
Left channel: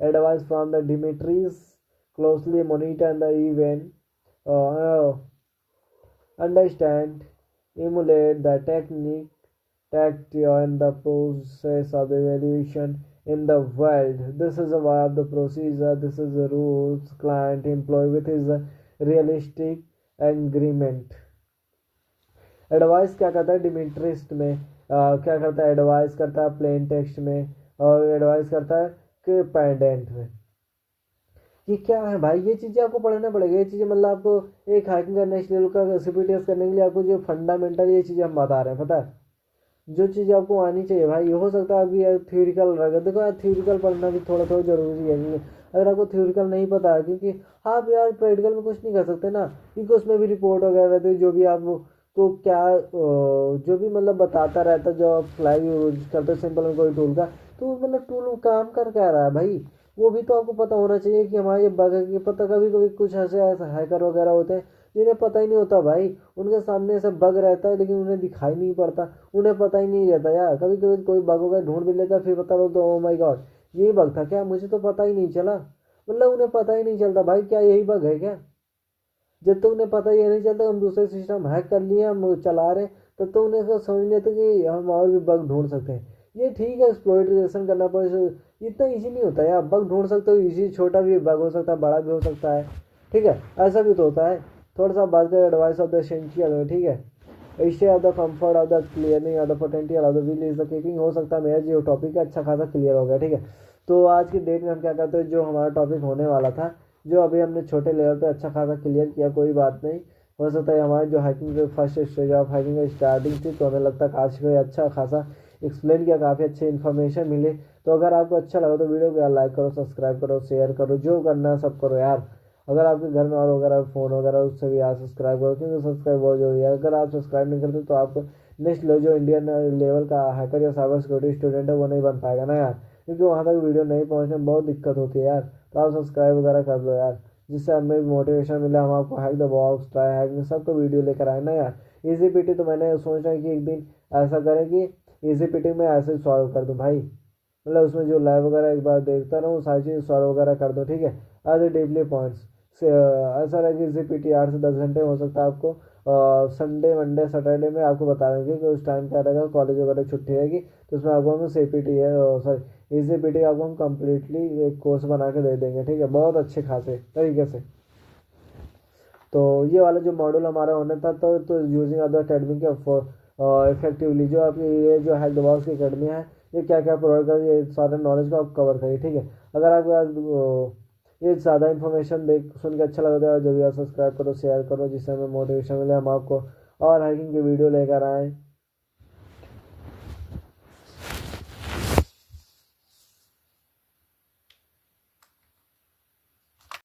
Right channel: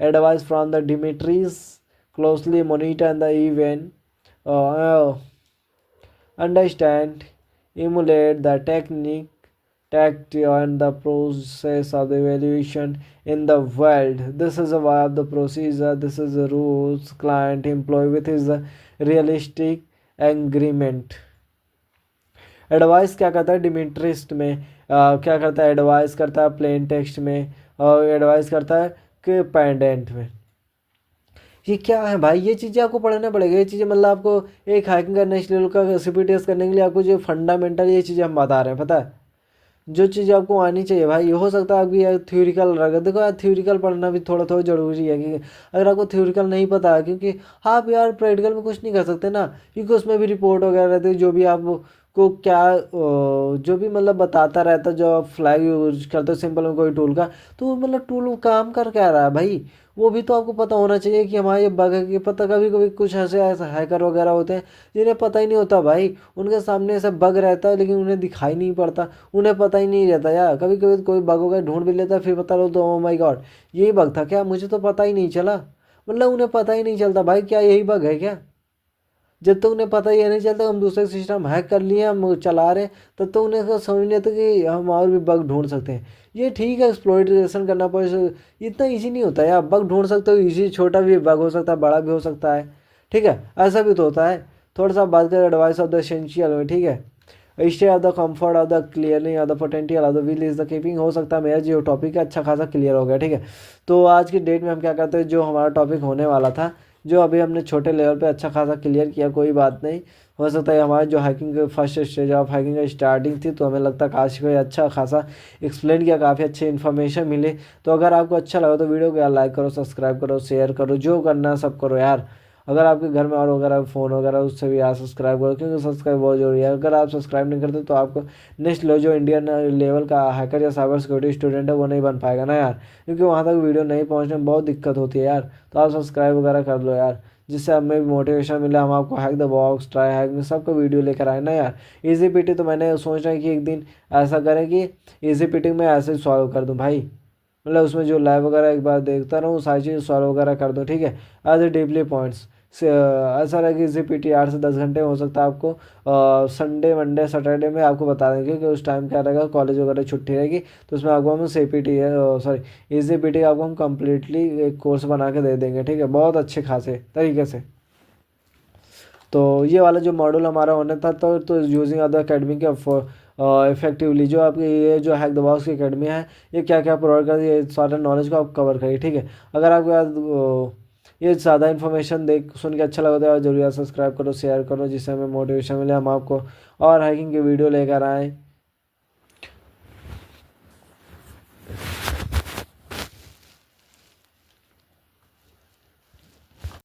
advice from the Dimitris closely monitor the event understand emulate the technique tact and the process of the evaluation in the world. This is a way of the procedure, this is the rules client employ with his realistic agreement। Advice क्या करता है डिमिट्रिस्ट में क्या करता है advice करता है plain text में और एडवाइस करता है कि पेंडेंट में। ये क्या है भाई, ये चीज़ें आपको पढ़ना पड़ेगा। ये चीज़ें मतलब आपको एक हैकिंग करने के लिए का CPTS करने के लिए आपको जो फंडामेंटल ये चीज़ें हम बता रहे हैं पता है। जो चीज़ आपको आनी चाहिए भाई। हो सकता है आपकी यार थ्योरिकल रह, देखो यार थ्योरिकल पढ़ना भी थोड़ा थोड़ा ज़रूरी है कि अगर आपको थ्योरिकल नहीं पता है, क्योंकि आप यार प्रैक्टिकल में कुछ नहीं कर सकते ना, क्योंकि उसमें भी रिपोर्ट वगैरह रहती है, जो भी आप को क्या जो भी मतलब बताता रहता है, जो आप फ्लैग यूज करते हो सिंपल में कोई टूल का, तो मतलब टूल काम कर क्या रहा है भाई, वो भी तो आपको पता होना चाहिए कि हमारा ये बग है कि पता। कभी कभी कुछ ऐसे ऐसे हैकर वगैरह होते हैं जिन्हें पता ही नहीं होता भाई, उनके सामने ऐसा बग रहता है लेकिन उन्हें दिखाई नहीं पड़ता, उन्हें पता ही नहीं रहता यार। कभी कभी कोई बग वगैरह ढूंढ भी लेता है, फिर पता लो तो ओ माई गॉड यही बग था क्या, मुझे तो पता ही नहीं चला। मतलब उन्हें पता ही नहीं चलता भाई क्या यही बग है क्या। जब तक उन्हें पता ही नहीं चलता हम दूसरे सिस्टम हैक कर लिए हम चला रहे, तब तो उन्हें तो समझ नहीं आता कि हम और भी बग ढूंढ सकते हैं। ये ठीक है एक्सप्लॉइटेशन करना पड़े, इतना इजी नहीं होता यार। बग ढूंढ सकते हो इजी, छोटा भी बग हो सकता है, बड़ा भी हो सकता है, ठीक है, ऐसा भी तो होता है। थोड़ा सा बात करें एडवाइस ऑफ द एसेंशियल में, ठीक है, stay of the comfort of the clearing of the potential of the will is the keeping. हो सकता है मेरा जो टॉपिक है अच्छा खासा क्लियर हो गया, ठीक है। तो आज की डेट में हम क्या करते हैं, जो हमारा टॉपिक होने वाला था, जो अभी हमने छोटे लेवल पे अच्छा खासा क्लियर किया, कोई बात नहीं। हो सकता है हमारे जो hacking first stage of hacking की स्टार्टिंग थी, तो हमें लगता है काश कोई अच्छा खासा एक्सप्लेन किया, काफ़ी अच्छी इन्फॉर्मेशन मिले। तो अगर आपको अच्छा लगा तो वीडियो को यार लाइक करो, सब्सक्राइब करो, शेयर करो, जो करना है सब करो यार। अगर आपके घर में और वगैरह फ़ोन वगैरह उससे भी यार सब्सक्राइब करो, क्योंकि सब्सक्राइब बहुत जरूरी है। अगर आप सब्सक्राइब नहीं करते तो आपको नेक्स्ट लो जो इंडियन लेवल का हैकर या साइबर सिक्योरिटी स्टूडेंट है वो नहीं बन पाएगा ना यार, क्योंकि वहाँ तक वीडियो नहीं पहुँचने में बहुत दिक्कत होती है यार। तो आप सब्सक्राइब वगैरह कर लो यार, जिससे हमें भी मोटिवेशन मिला, हम आपको hack the box, try hack में सबका वीडियो लेकर आए ना यार। इजी पीटी तो मैंने सोच रहा है कि एक दिन ऐसा करें कि इजी पीटी में ऐसे सॉल्व कर दूं भाई, मतलब उसमें जो लाइव वगैरह एक बार देखता रहूँ, सारी चीज़ सॉल्व वगैरह कर दूँ, ठीक है, एज ए डीपली पॉइंट्स से। ऐसा रहे कि इसी पीटी 8 से 10 घंटे हो सकता है आपको संडे मंडे सैटरडे में आपको बता देंगे कि उस टाइम क्या रहेगा, कॉलेज वगैरह छुट्टी रहेगी, तो उसमें आपको हम सी पी टी है सॉरी इजी पी टी आपको हम कम्प्लीटली एक कोर्स बना के दे देंगे, ठीक है, बहुत अच्छे खासे तरीके से। तो ये वाला जो मॉडल हमारा होना था, तो यूजिंग अदर अकेडमी के इफेक्टिवली, जो आपकी ये जो हैक द बॉक्स की अकेडमी है, ये क्या क्या प्रोवाइड कर ये सारा नॉलेज को आप कवर करिए, ठीक है। अगर आपके पास ये ज़्यादा इन्फॉर्मेशन देख सुन के अच्छा लगा तो यार जरूर यार सब्सक्राइब करो, शेयर करो, जिससे हमें मोटिवेशन मिले, हम आपको और हैकिंग की वीडियो लेकर आएँ।